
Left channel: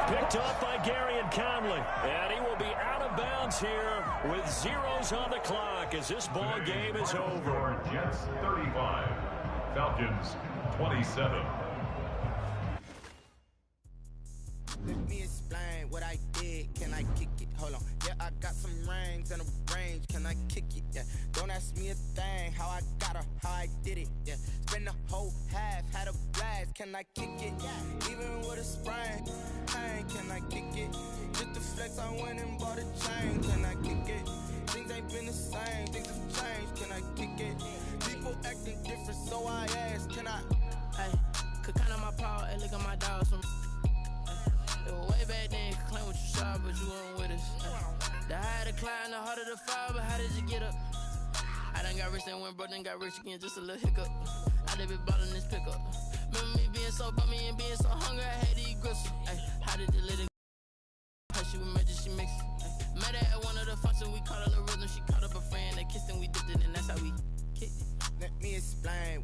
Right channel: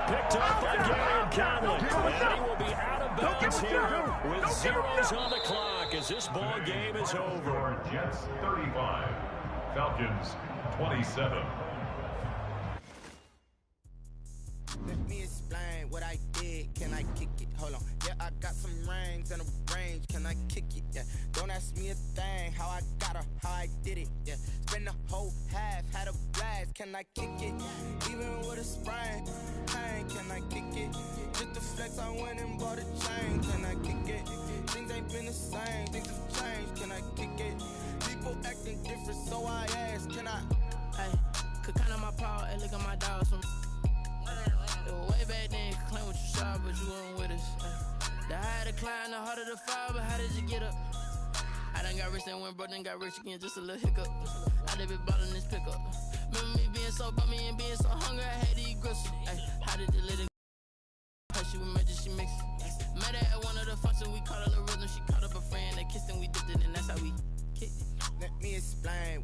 Picked up by Gary Conley. And he will be out of bounds here with zeros on the clock as this ball game is over. Jets 35, Falcons 27. Let me explain what I did. Can I kick it? Hold on. Yeah, I got some rings and a range. Can I kick it? Yeah. Don't ask me a thing. How I got her, how I did it. Yeah. Spend the whole half, had a blast. Can I kick it? Even with a sprain. Pain, can I kick it? Just to flex, I went and bought a chain. Can I kick it? Things ain't been the same. Things have changed. Can I kick it? People acting different, so I ask. Can I? Hey, could count on my power and look at my dogs from. It was way back then, could claim what you saw, but you weren't with us. The higher the climb, the harder the fall, but how did you get up? I done got rich and went broke, then got rich again, just a little hiccup. I done been ballin' this pickup. Remember me being so bummy and being so hungry, I had to eat gristle. Ay, how did the little